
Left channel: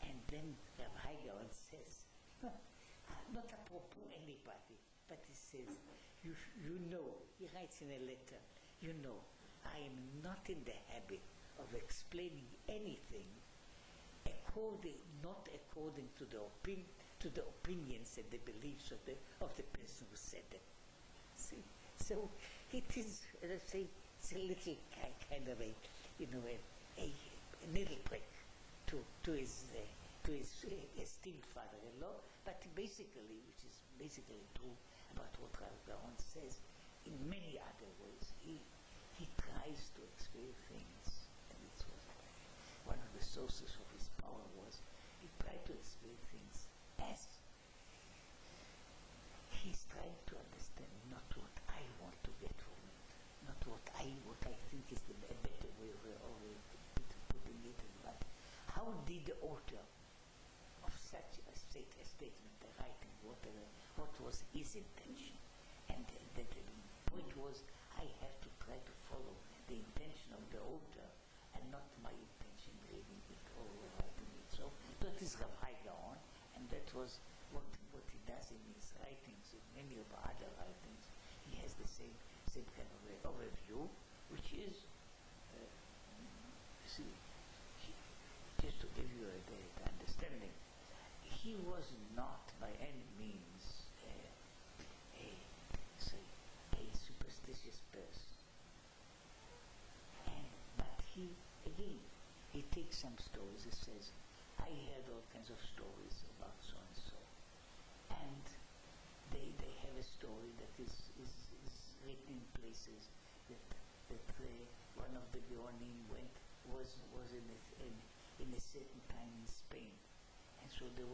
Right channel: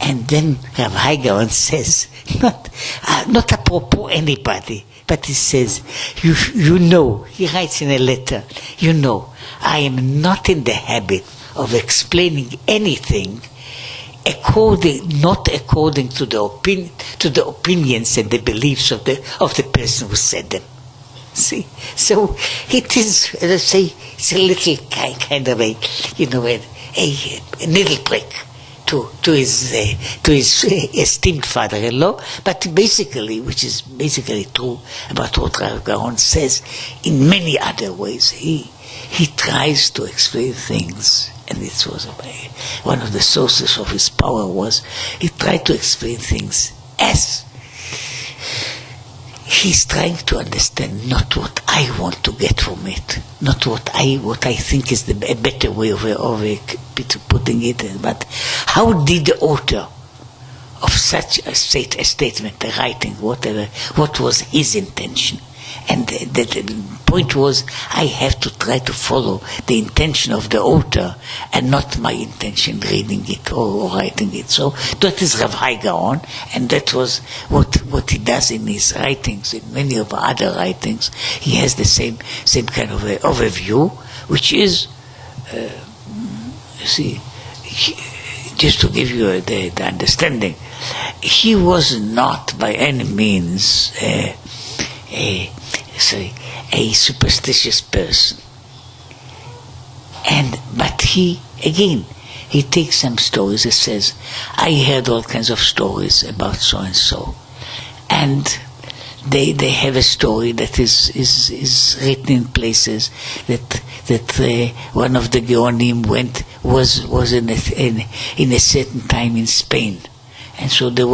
And then Rav Hai Gaon says, not apropos anybody, but he says, you know, he writes in a letter, I am not in the habit of explaining anything not according to the opinions and the beliefs of the person who said them. See, so it is, as I say, it's a little kind of a needle prick to his esteemed father-in-law, but which is basically true about what Rav Gaon says in many other ways. He tries to explain things. And it was one of the sources of his power was he tried to explain things as he's trying to understand not what I want to get from it, not what I think is a better way of putting it, but how did the author of such a statement, a writing, whatever, what was his intention? And the point was, I have to try to follow the intention of the author and not my intention reading it or writing it. So that is Rav Hai Gaon, and that was what he does in his writings. In many of other writings, he has the same kind of overview, which is, just to give you the understanding, he was not by any means a superstitious person, but he takes some stories. He says, I heard all kinds of stories about so and so, and they have a story that is written in places that one of the Geonim was in a certain time in Spain. And so they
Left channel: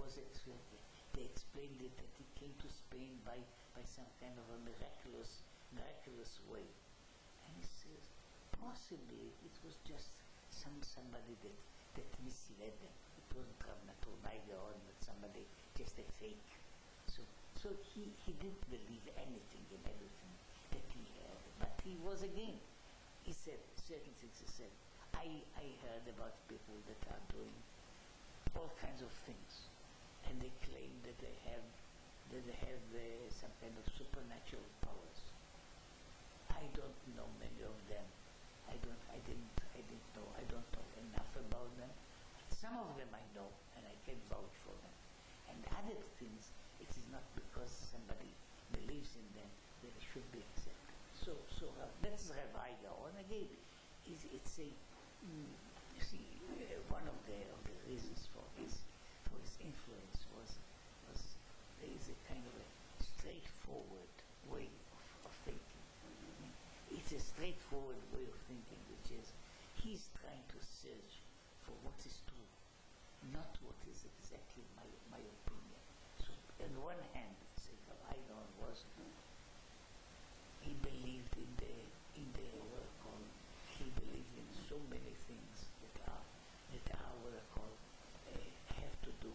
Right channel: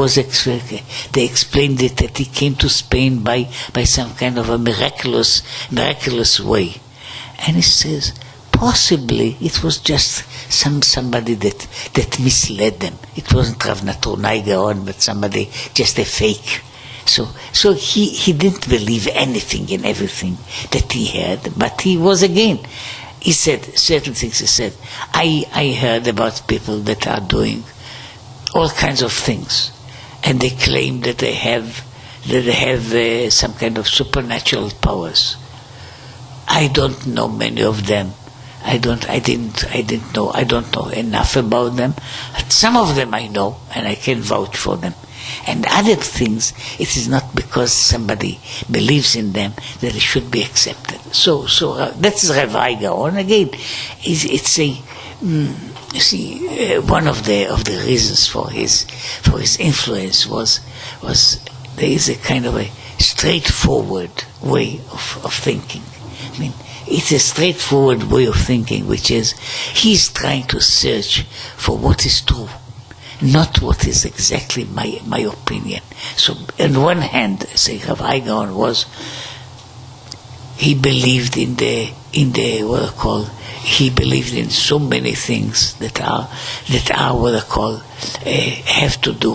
explained it that he came to Spain by some kind of a miraculous way. And he says, possibly it was just somebody that misled them. It wasn't Rav Hai Gaon, but somebody, just a fake. So he didn't believe anything and everything that he heard, but he was he said certain things. He said, I heard about people that are doing all kinds of things, and they claim that they have some kind of supernatural powers. I don't know many of them. I don't know enough about them. Some of them I know, and I can vouch for them. And other things, it is not because somebody believes in them that they should be accepted. So that's Rav Hai Gaon. Again, it's a you see, one of the reasons for his influence was there is a kind of a straightforward way of thinking. I mean, it's a straightforward way of thinking, which is he's trying to search for what is true, not what is exactly my opinion. So on one hand, say Rav Hai Gaon he believed in the what I call, he believed in so many things that are what I call have to do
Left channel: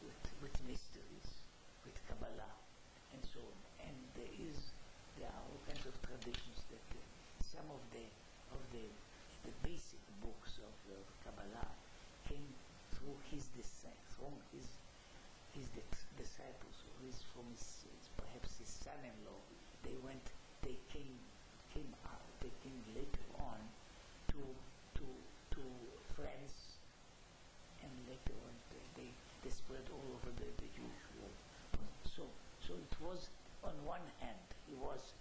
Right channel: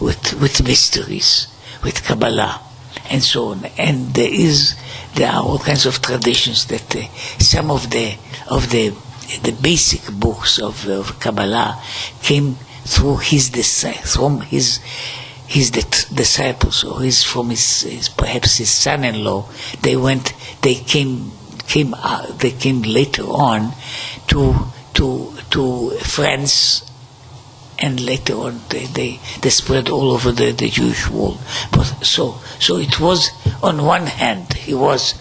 with mysteries, with Kabbalah, and so on. And there are all kinds of traditions that some of the basic books of Kabbalah came through his disciples, or perhaps his son-in-law. They came later on to France, and later on they spread all over the Jewish world. But so it was, on one hand, he was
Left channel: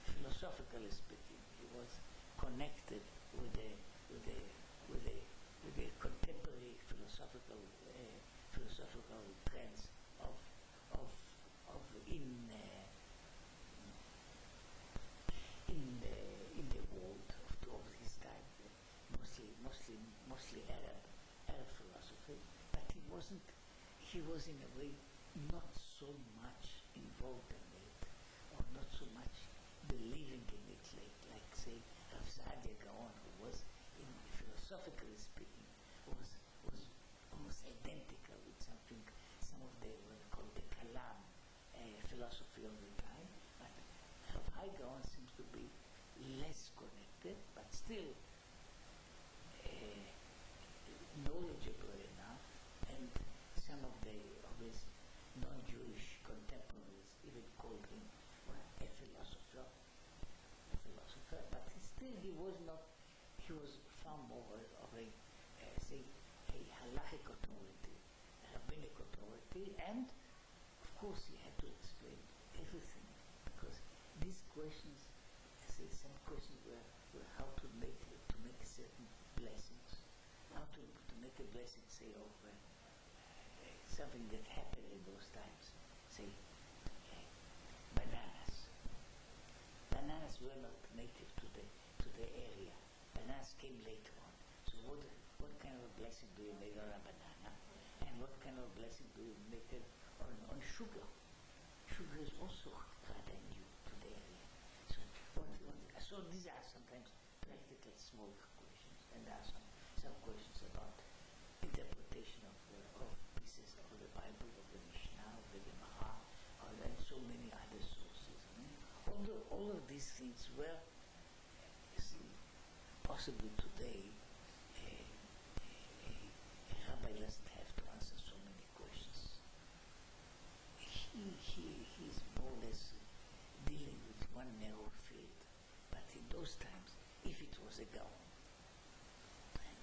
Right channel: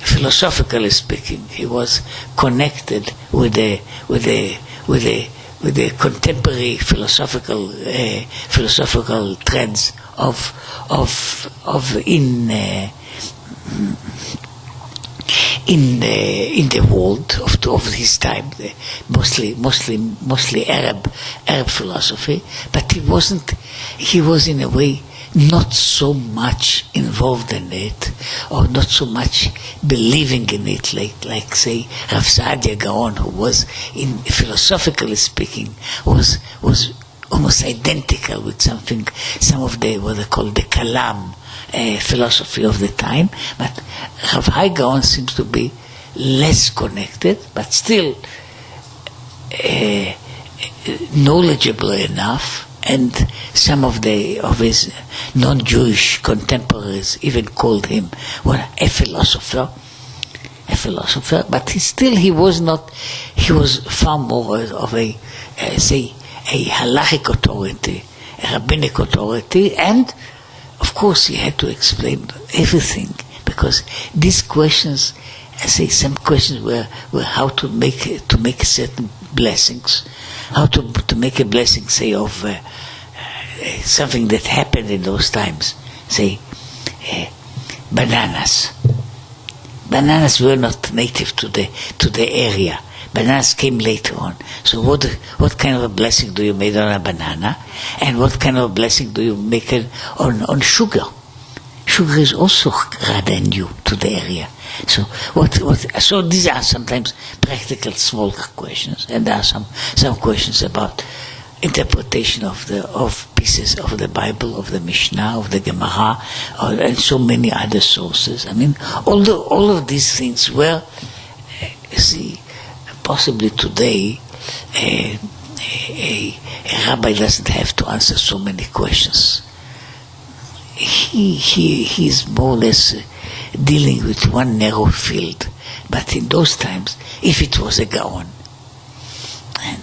philosophically speaking, he was connected with the contemporary philosophical trends in the world of his time, mostly Arab philosophy, but he was in a way not so much involved in it, or not so much believing in it, like say Rav Hai Gaon, who was, in philosophically speaking, was almost identical with some of the what they call the Kalam philosophy of the time. But Rav Hai Gaon seems to be less connected, but still knowledgeable enough. And some of his non-Jewish contemporaries even called him a philosopher. But he was far more of a halachic authority, a rabbinic authority, and of course he had to explain everything, because these questions, some questions were how to make certain blessings, how to make a blessing, say, of something that happened in those times, say bananas. Bananas were not native to the area. Bananas came later on. So what kind of a blessing do you make on a banana, and what kind of a blessing do you make on sugar? Sugar is also rather new to the area. So so these are sometimes practical small questions, and there are some questions about interpretation of pieces of the Bible, of the Mishnah, of the Gemara, and so many other sources. I mean, all of these things were, possibly today a rabbi doesn't have to answer so many questions. He's more or less dealing with one narrow field. But in those times, if it was a Gaon, and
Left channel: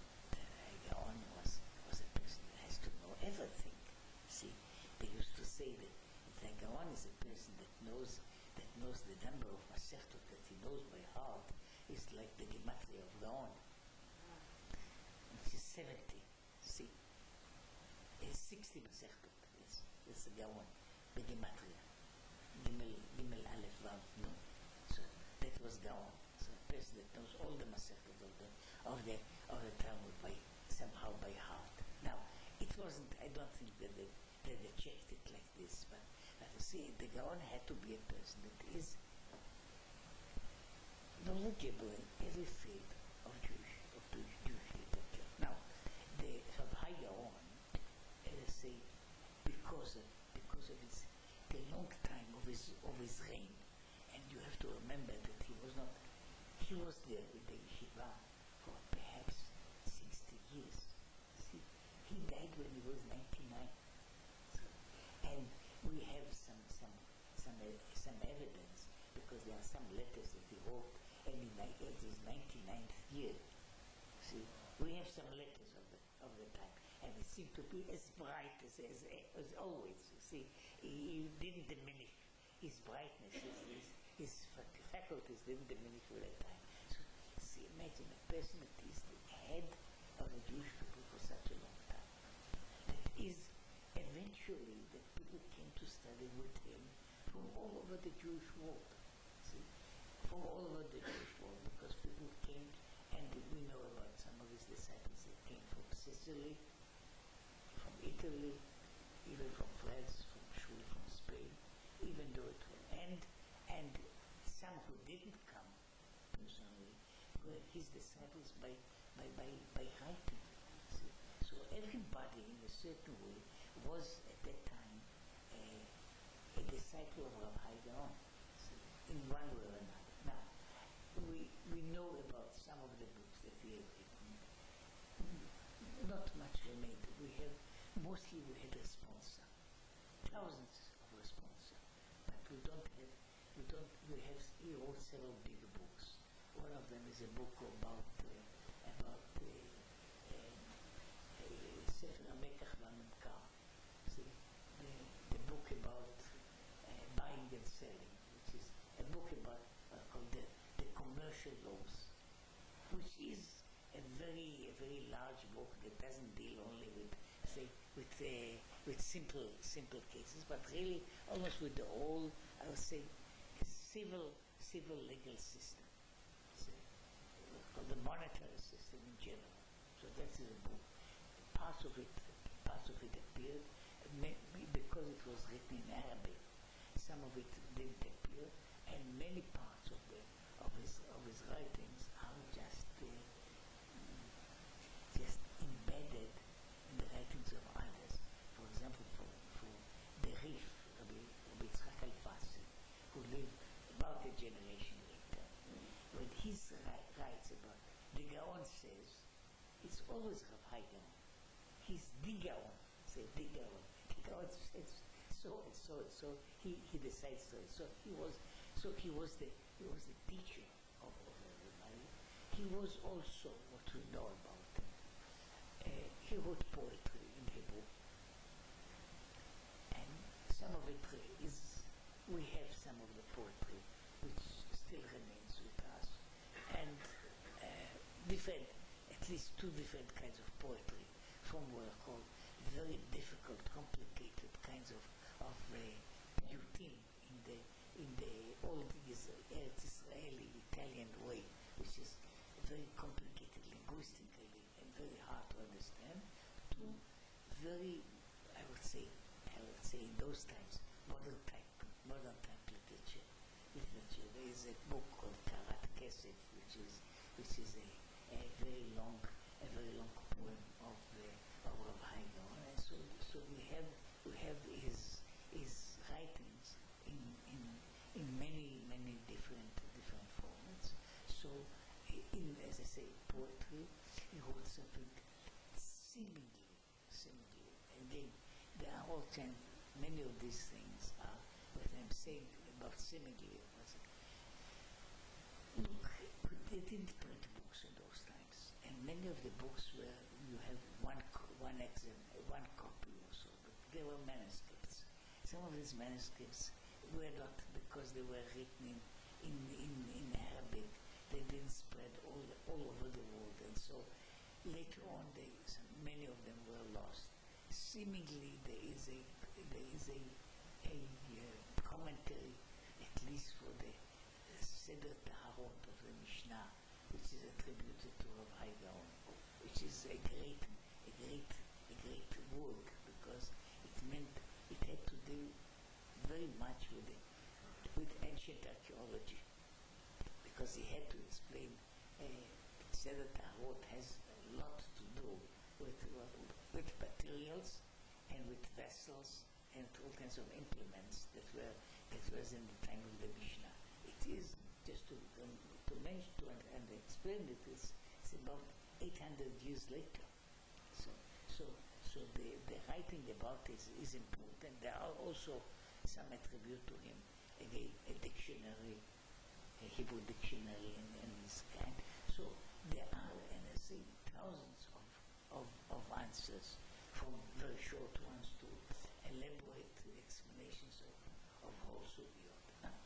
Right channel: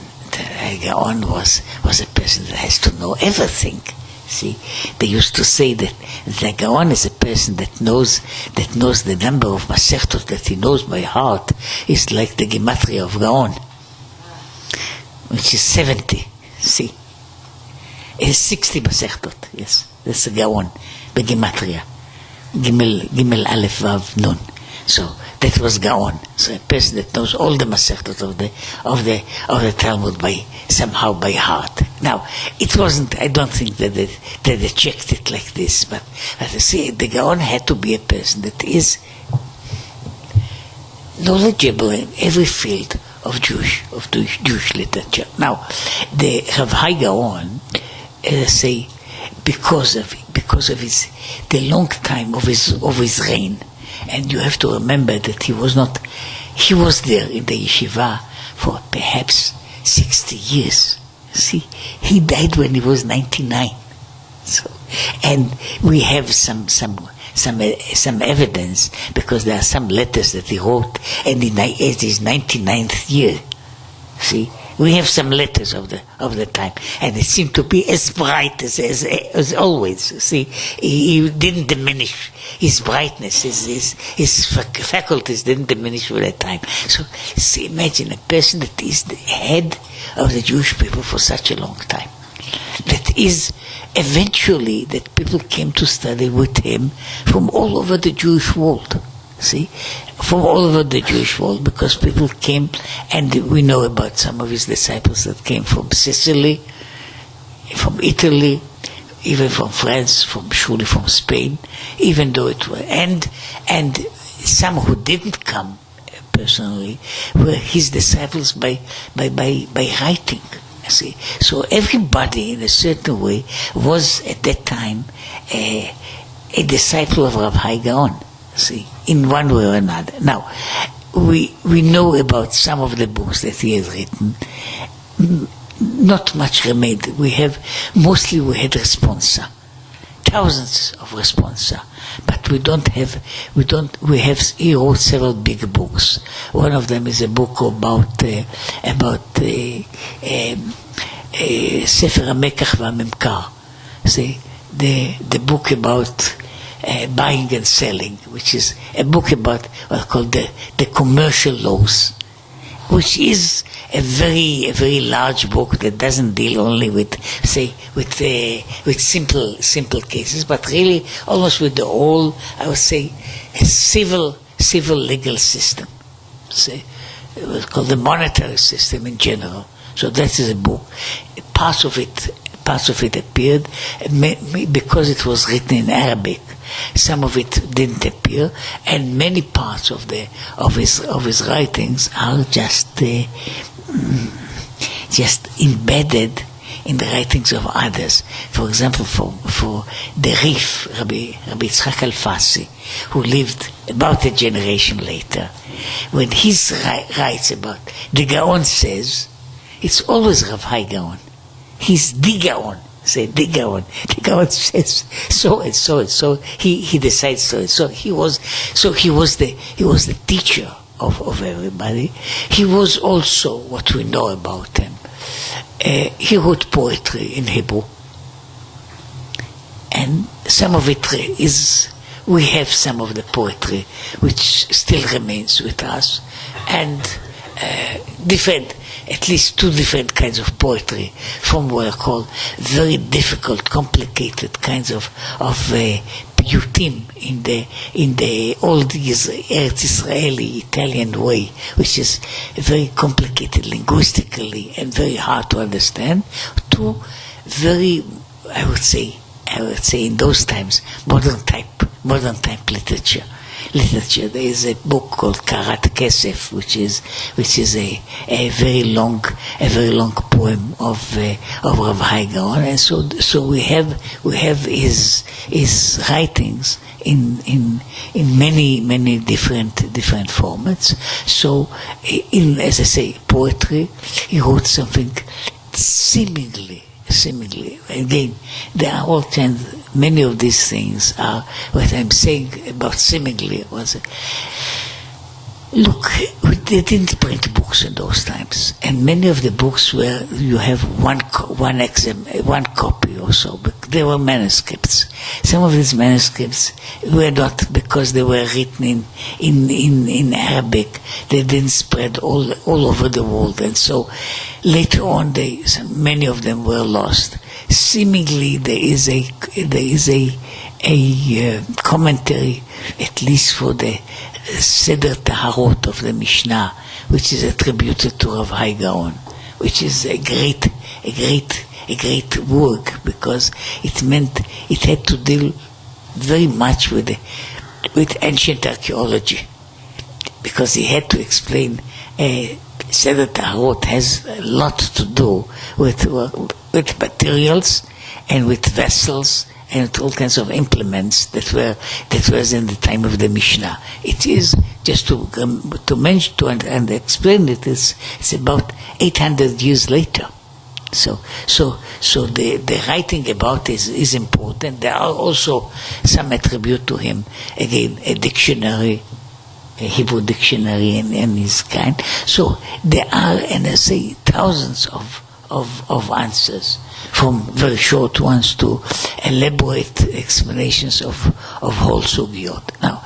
a Gaon was a person that has to know everything. See, they used to say that the Gaon is a person that knows the number of Masechtot that he knows by heart is like the Gematria of Gaon, which is 70. See, it is 60 Masechtot. Yes, that's a Gaon, the Gematria. Gimel Aleph Vav Nun. So that was Gaon. So a person that knows all the Masechtot of the Talmud somehow by heart. Now, it wasn't. I don't think that they checked it like this. But see, the Gaon had to be a person that is knowledgeable in every field of Jewish literature. Now, the Rav Hai Gaon, say, because of the long time of his reign, and you have to remember that he was there in the yeshiva for perhaps 60 years. See, he died when he was 99. So, and we have some evidence, because there are some letters that he wrote at his 99th year. See, we have some letters of the time, and it seemed to be as bright as always. See, he didn't diminish his brightness, his faculties didn't diminish with that time. So, see, imagine a person that is the head of the Jewish people for such a long time. That is, eventually, that people came to study with him from all over the Jewish world. See, from all over the Jewish world, because people came, and we know about some of his disciples that came from Sicily, from Italy, even from France, surely from Spain, even though it was, and some who didn't come personally were his disciples by writing. See, so everybody in a certain way was at that time a disciple of Rav Hai Gaon. See, in one way or another. Now, we know about some of the books that he has written. Not much remained. We had responsa, thousands of responsa, but he wrote several big books. One of them is a book about Sefer HaMekach VaMemkar. See, the book about buying and selling, which is a book about what's called the commercial laws, which is a very large book that doesn't deal only with simple cases, but really almost with the whole, I would say, a civil legal system. Say, it was called the monetary system in general. So that is a book. Parts of it appeared because it was written in Arabic. Some of it didn't appear, and many parts of his writings are just embedded in the writings of others. For example, for the Rif, Rabbi Yitzchak Alfasi, who lived about a generation later, when he writes about the Gaon says, it's always Rav Hai Gaon. He's the Gaon. Say the Gaon. The Gaon says so and so and so. He decides so and so. He was the teacher of everybody. He was also what we know about him. He wrote poetry in Hebrew, and some of it is. We have some of the poetry which still remains with us, and different. At least two different kinds of poetry, from what are called very difficult, complicated kinds of piyutim in the old Eretz Israeli Italian way, which is very complicated linguistically and very hard to understand, to very, I would say in those times, modern type literature. There is a book called Karat Kesef, which is a very long poem of Rav Hai Gaon, and so we have his writings in many different formats. So as I say, poetry, he wrote something seemingly, again, there are all kinds. Many of these things are what I'm saying about seemingly was. Look, they didn't print books in those times, and many of the books where you have one copy or so, but they were manuscripts. Some of these manuscripts were not, because they were written in Arabic. They didn't spread all over the world, and so later on, many of them were lost. Seemingly, there is a commentary, at least for the Seder Taharot of the Mishnah, which is attributed to Rav Hai Gaon, which is a great work, because it had to deal very much with ancient archaeology, because he had to explain. Seder Taharot has a lot to do with materials and with vessels and with all kinds of implements that was in the time of the Mishnah. It is just to mention and explain it. It's about 800 years later. So the writing about this is important. There are also some attribute to him. Again, a dictionary, a Hebrew dictionary and his kind. So there are, and I say, thousands of answers, from very short ones to elaborate explanations of whole sugyot. Now,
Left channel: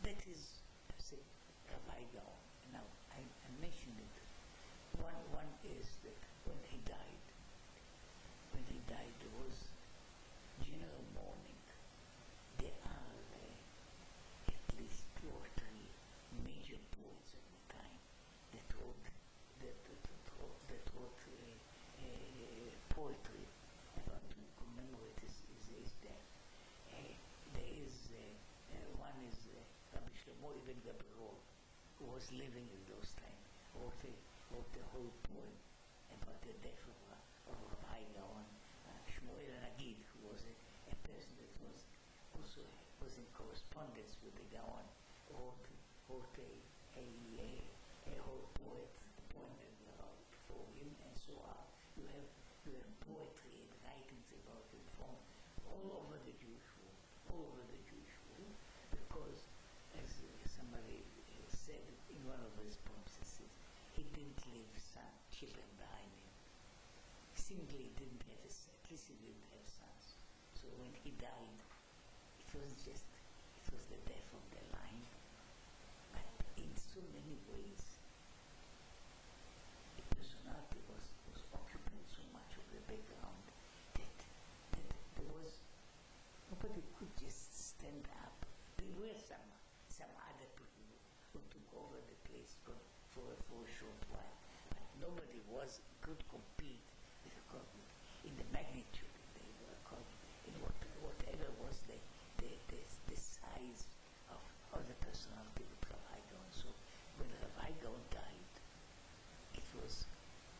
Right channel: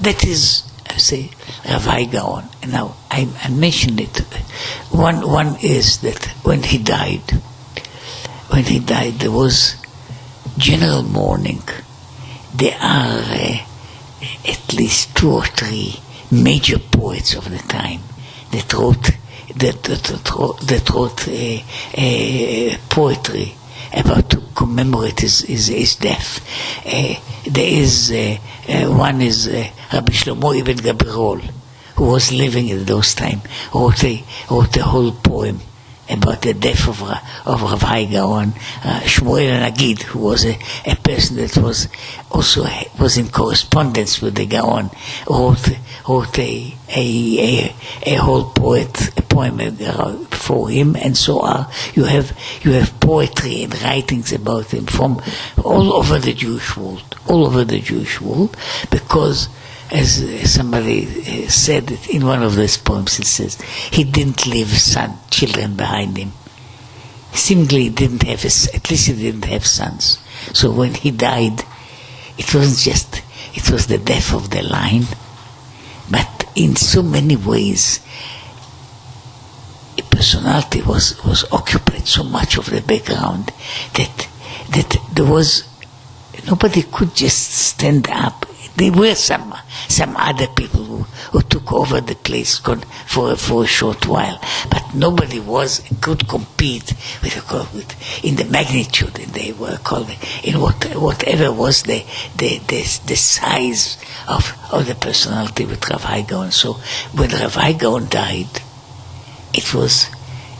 that is, I say, Rav Hai Gaon. Now, I mentioned it. One is that when he died, there was general mourning. There are at least 2 or 3 major poets of the time that wrote poetry about to commemorate his death. One is Rabbi Shlomo Ibn Gabirol, who was living at those times, wrote a whole poem about the death of Rav Hai Gaon. Shmuel Nagid, who was a person that was in correspondence with the Gaon, wrote a whole poem for him, and so on. You have poetry and writings about him from all over the Jewish world, because, as somebody said in one of those poems, it says, he didn't leave children behind him. Seemingly he didn't have, at least he didn't have sons. So when he died, it wasn't just, it was the death of the line, but in so many ways, a personality was occupied so much of the background that there was, nobody could just stand up. There were some other people who took over the place for a short while, but nobody could compete with in the magnitude, and they were called in whatever was the size of the personality with Rav Hai Gaon. So when Rav Hai Gaon died, it was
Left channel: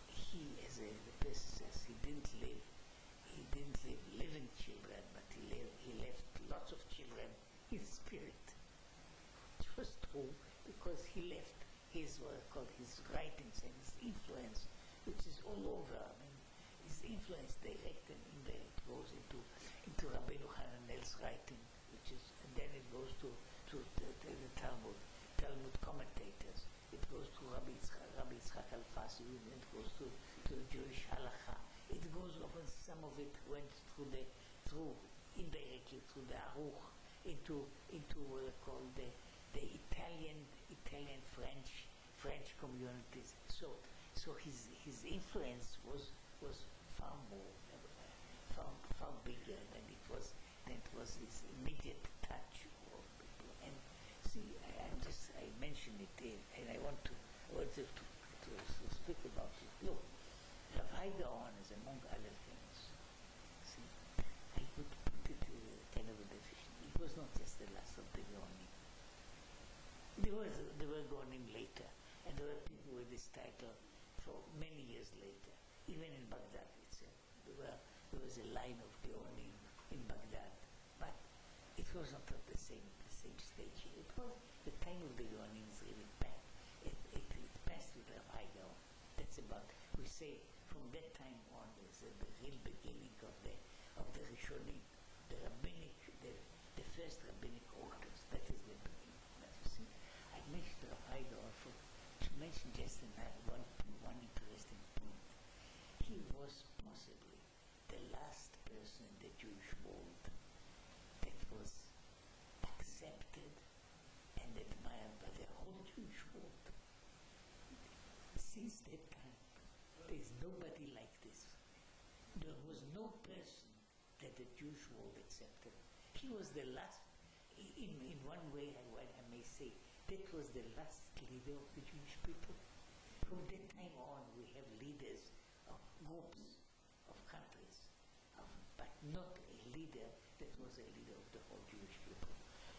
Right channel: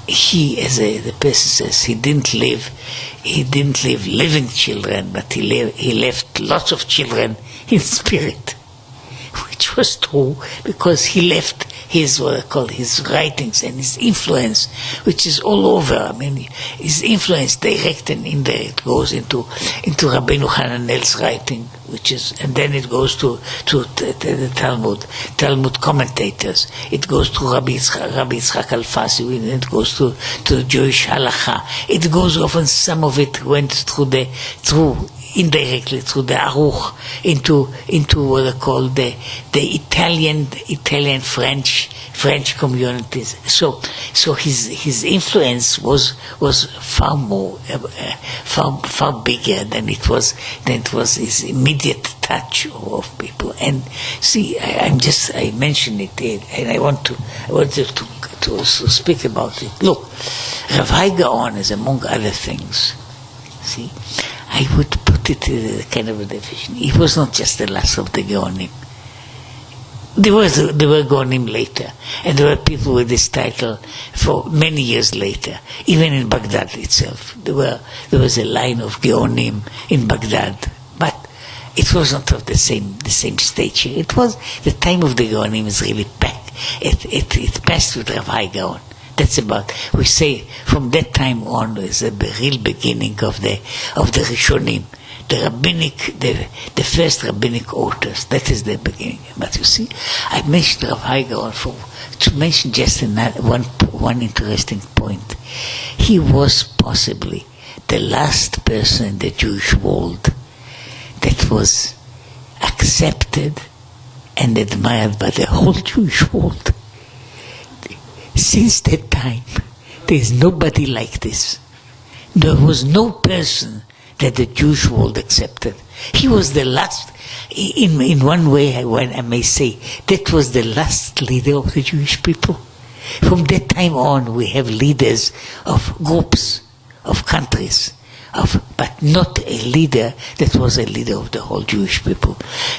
he, as the person says, he didn't leave living children, but he left lots of children in spirit, which was true, because he left his his writings and his influence, which is all over. I mean, his influence, direct and indirect, goes into Rabbeinu Hananel's writing, and then it goes to the Talmud commentators. It goes to Rabbi Yitzchak Alfasi, and it goes to Jewish halacha. It goes often. Some of it went indirectly through the Aruch into what are called the Italian French communities. So his influence was far more far bigger than it was his immediate touch of people. And see, I mentioned it, and I wanted to speak about it. Look, Rav Hai Gaon is, among other things, see, I would put it in a kind of a definition. He was not just the last of the Gaonim. There were Gaonim later, and there were people with this title for many years later. Even in Baghdad itself, there was a line of Gaonim in Baghdad, but it was not of the same stature. It was the time of the Gaonim is really back. It passed with Rav Hai Gaon. That's about, we say, from that time on is the real beginning of the Rishonim, the first rabbinic authors. That is the beginning. But you see, I mentioned Rav Hai Gaon to mention just one interesting point. He was possibly the last person in the Jewish world that was accepted and admired by the whole Jewish world. Since that time, there is nobody like this. There was no person that the Jewish world accepted. He was the last, in one way, I may say, that was the last leader of the Jewish people. From that time on, we have leaders of groups, of countries, but not a leader that was a leader of the whole Jewish people.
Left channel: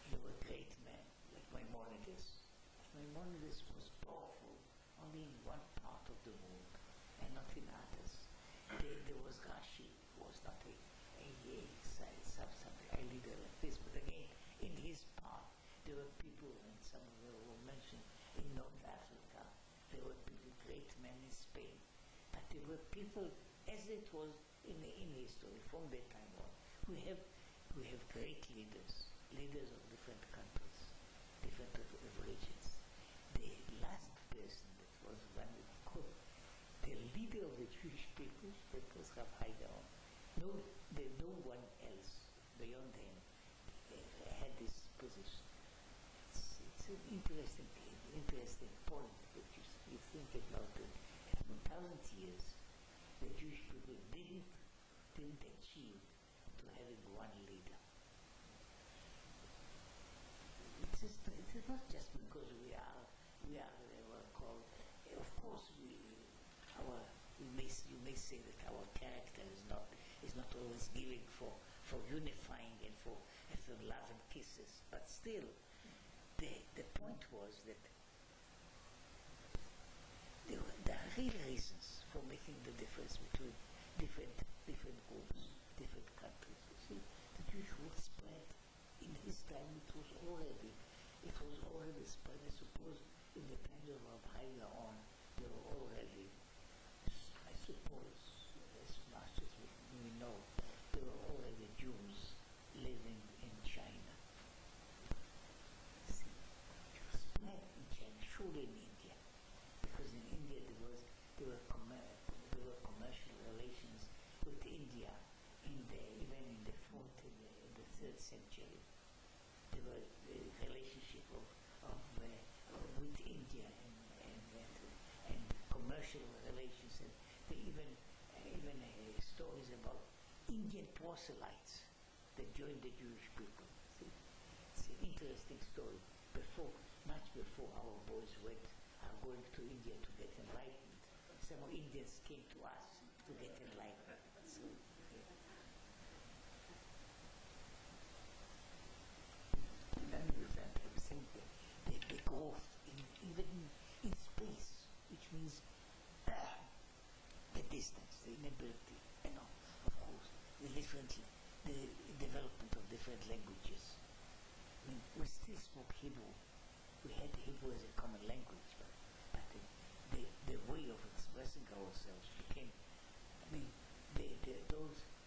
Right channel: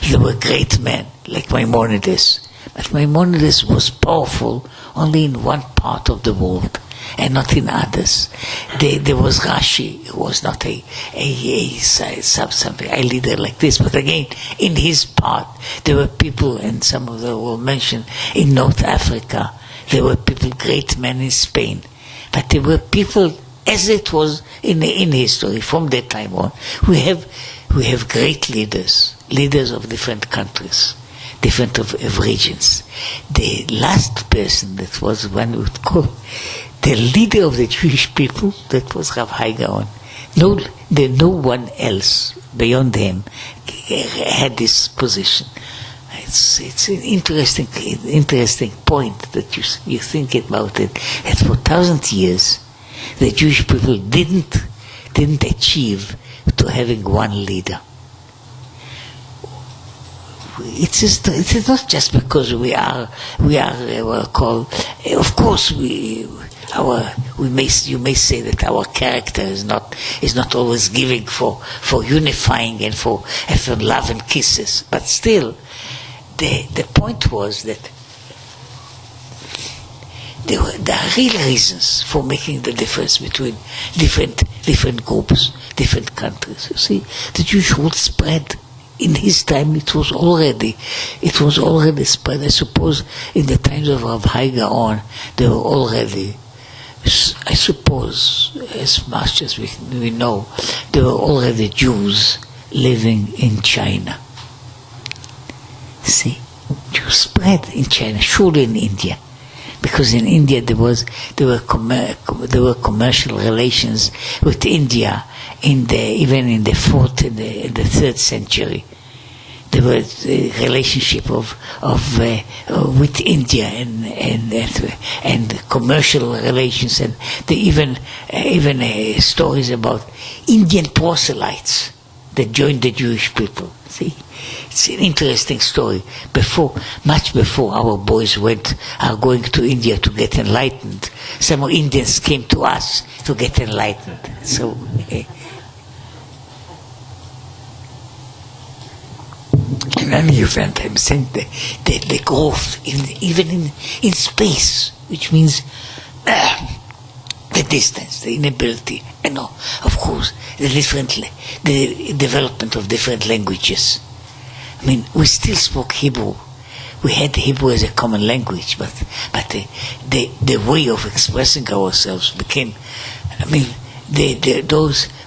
There were great men, like Maimonides. But Maimonides was powerful only in one part of the world and not in others. There was Rashi, who was not a leader like this, but again, in his part, there were people, and some of them were mentioned in North Africa. There were people, great men in Spain, but there were people as it was in history from that time on. We have great leaders of different countries, different of regions. The last person that was one would call the leader of the Jewish people, that was Rav Hai Gaon. No one else beyond him had this position. It's an interesting point that you think about it. That for 1,000 years, the Jewish people didn't achieve to having one leader. It is not just because we are called. Of course, you may say that our character is not always giving for unifying and for love and kisses, but still, the point was that there are real reasons for making the difference between different groups, different countries. You see, the Jewish world spread. In his time, it was already spread. I suppose in the times of Rav Hai Gaon, there were already, I suppose, as much as we know, there were already Jews living in China. See, Jews spread in China, surely in India, because in India there were commercial relations with India even in the 4th and the 3rd century. There was a relationship with India and commercial relations, and even stories about Indian proselytes that joined the Jewish people. See, it's an interesting story. Much before our boys are going to India to get enlightened, some Indians came to us to get enlightened. So. In any event, I'm saying the growth even in space, which means the distance, the inability, and of course the development of different languages. I mean, we still spoke Hebrew. We had Hebrew as a common language, but the way of expressing ourselves became. I mean,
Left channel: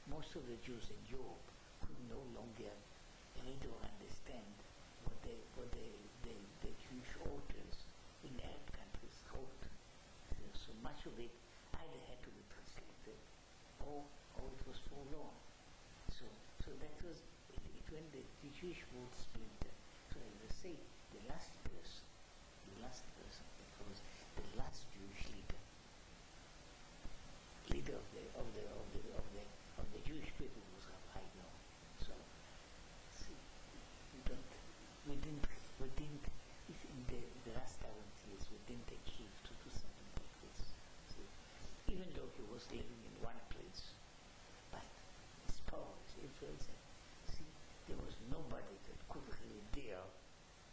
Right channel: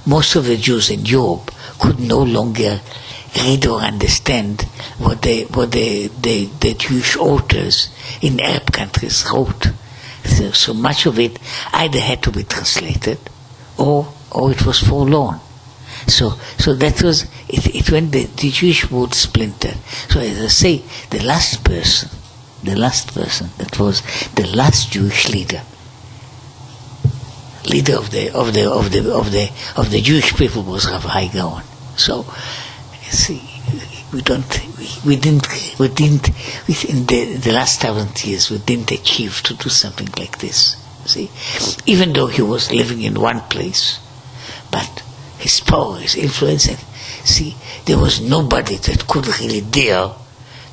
most of the Jews in Europe could no longer read or understand what the Jewish authors in Arab countries wrote. So much of it either had to be translated or it was forlorn. So that was it when the Jewish world splintered. So as I say, the last person that was the last Jewish leader of the Jewish people was Rav Hai Gaon. So see, in the last 1,000 years we didn't achieve to do something like this. See, even though he was living in one place, but his power, his influence, and see, there was nobody that could really dare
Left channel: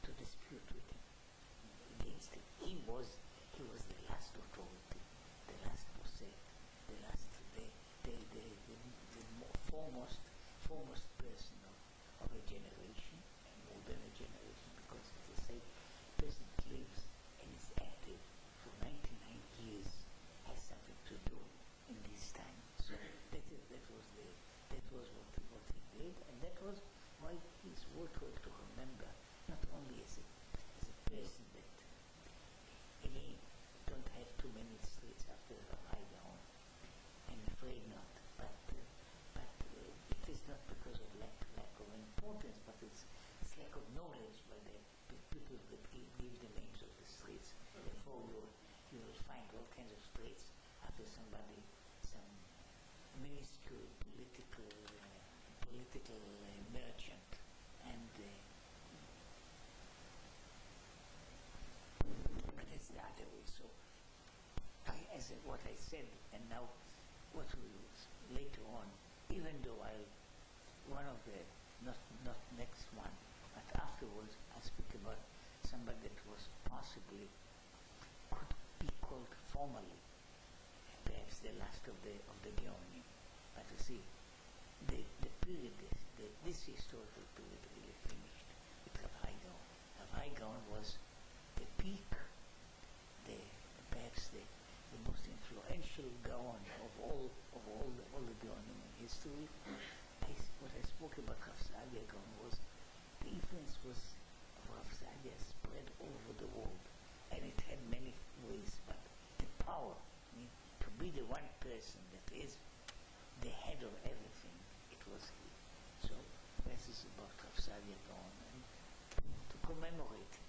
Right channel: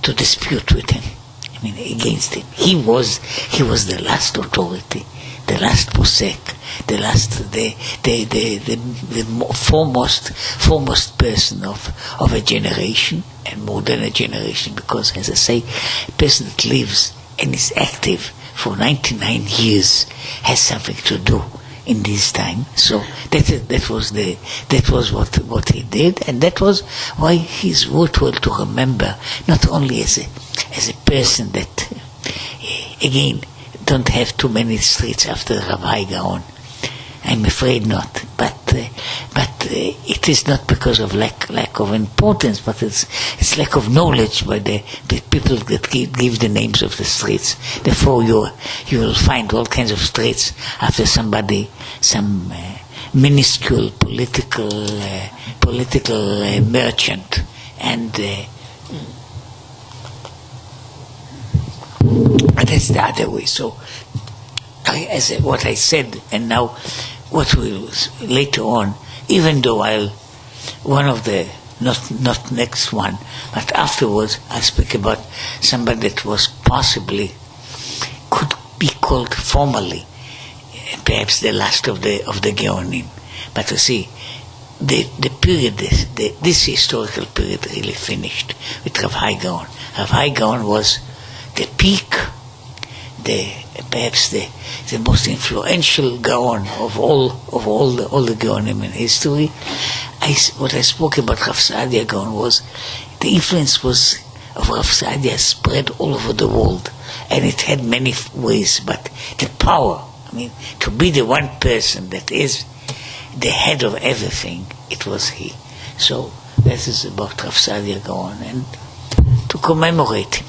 to dispute with him. I mean, against him. He was the last authority, the last posek, the foremost person of a generation, and more than a generation, because, as I say, a person that lives and is active for 99 years has something to do in this time. So that was what he did, and that was why he's worthwhile to remember, not only as a person that, again, don't have too many streets after Rav Hai Gaon. I'm afraid not, but it is not because of lack of importance, but it's lack of knowledge by the people that give the names of the streets. Therefore, you will find all kinds of streets after some minuscule political merchant, and that's the other way. So, what I said, and now what will later on, even though one of the, not next one, but afterwards, I speak about somebody that was possibly, could be called formally, perhaps the last of the Gaonim. But you see, the period, this historical period really finished with Rav Hai Gaon. Rav Hai Gaon was the peak perhaps the most influential Gaon of all the Gaonim in history. What I spoke about Rav Hai Gaon was the influence of Rav Hai spread all over the world, and it had many ways, but the power, to be the one person that is the head of everything, it was he. So that is about Rav Hai Gaon, and to commemorate him.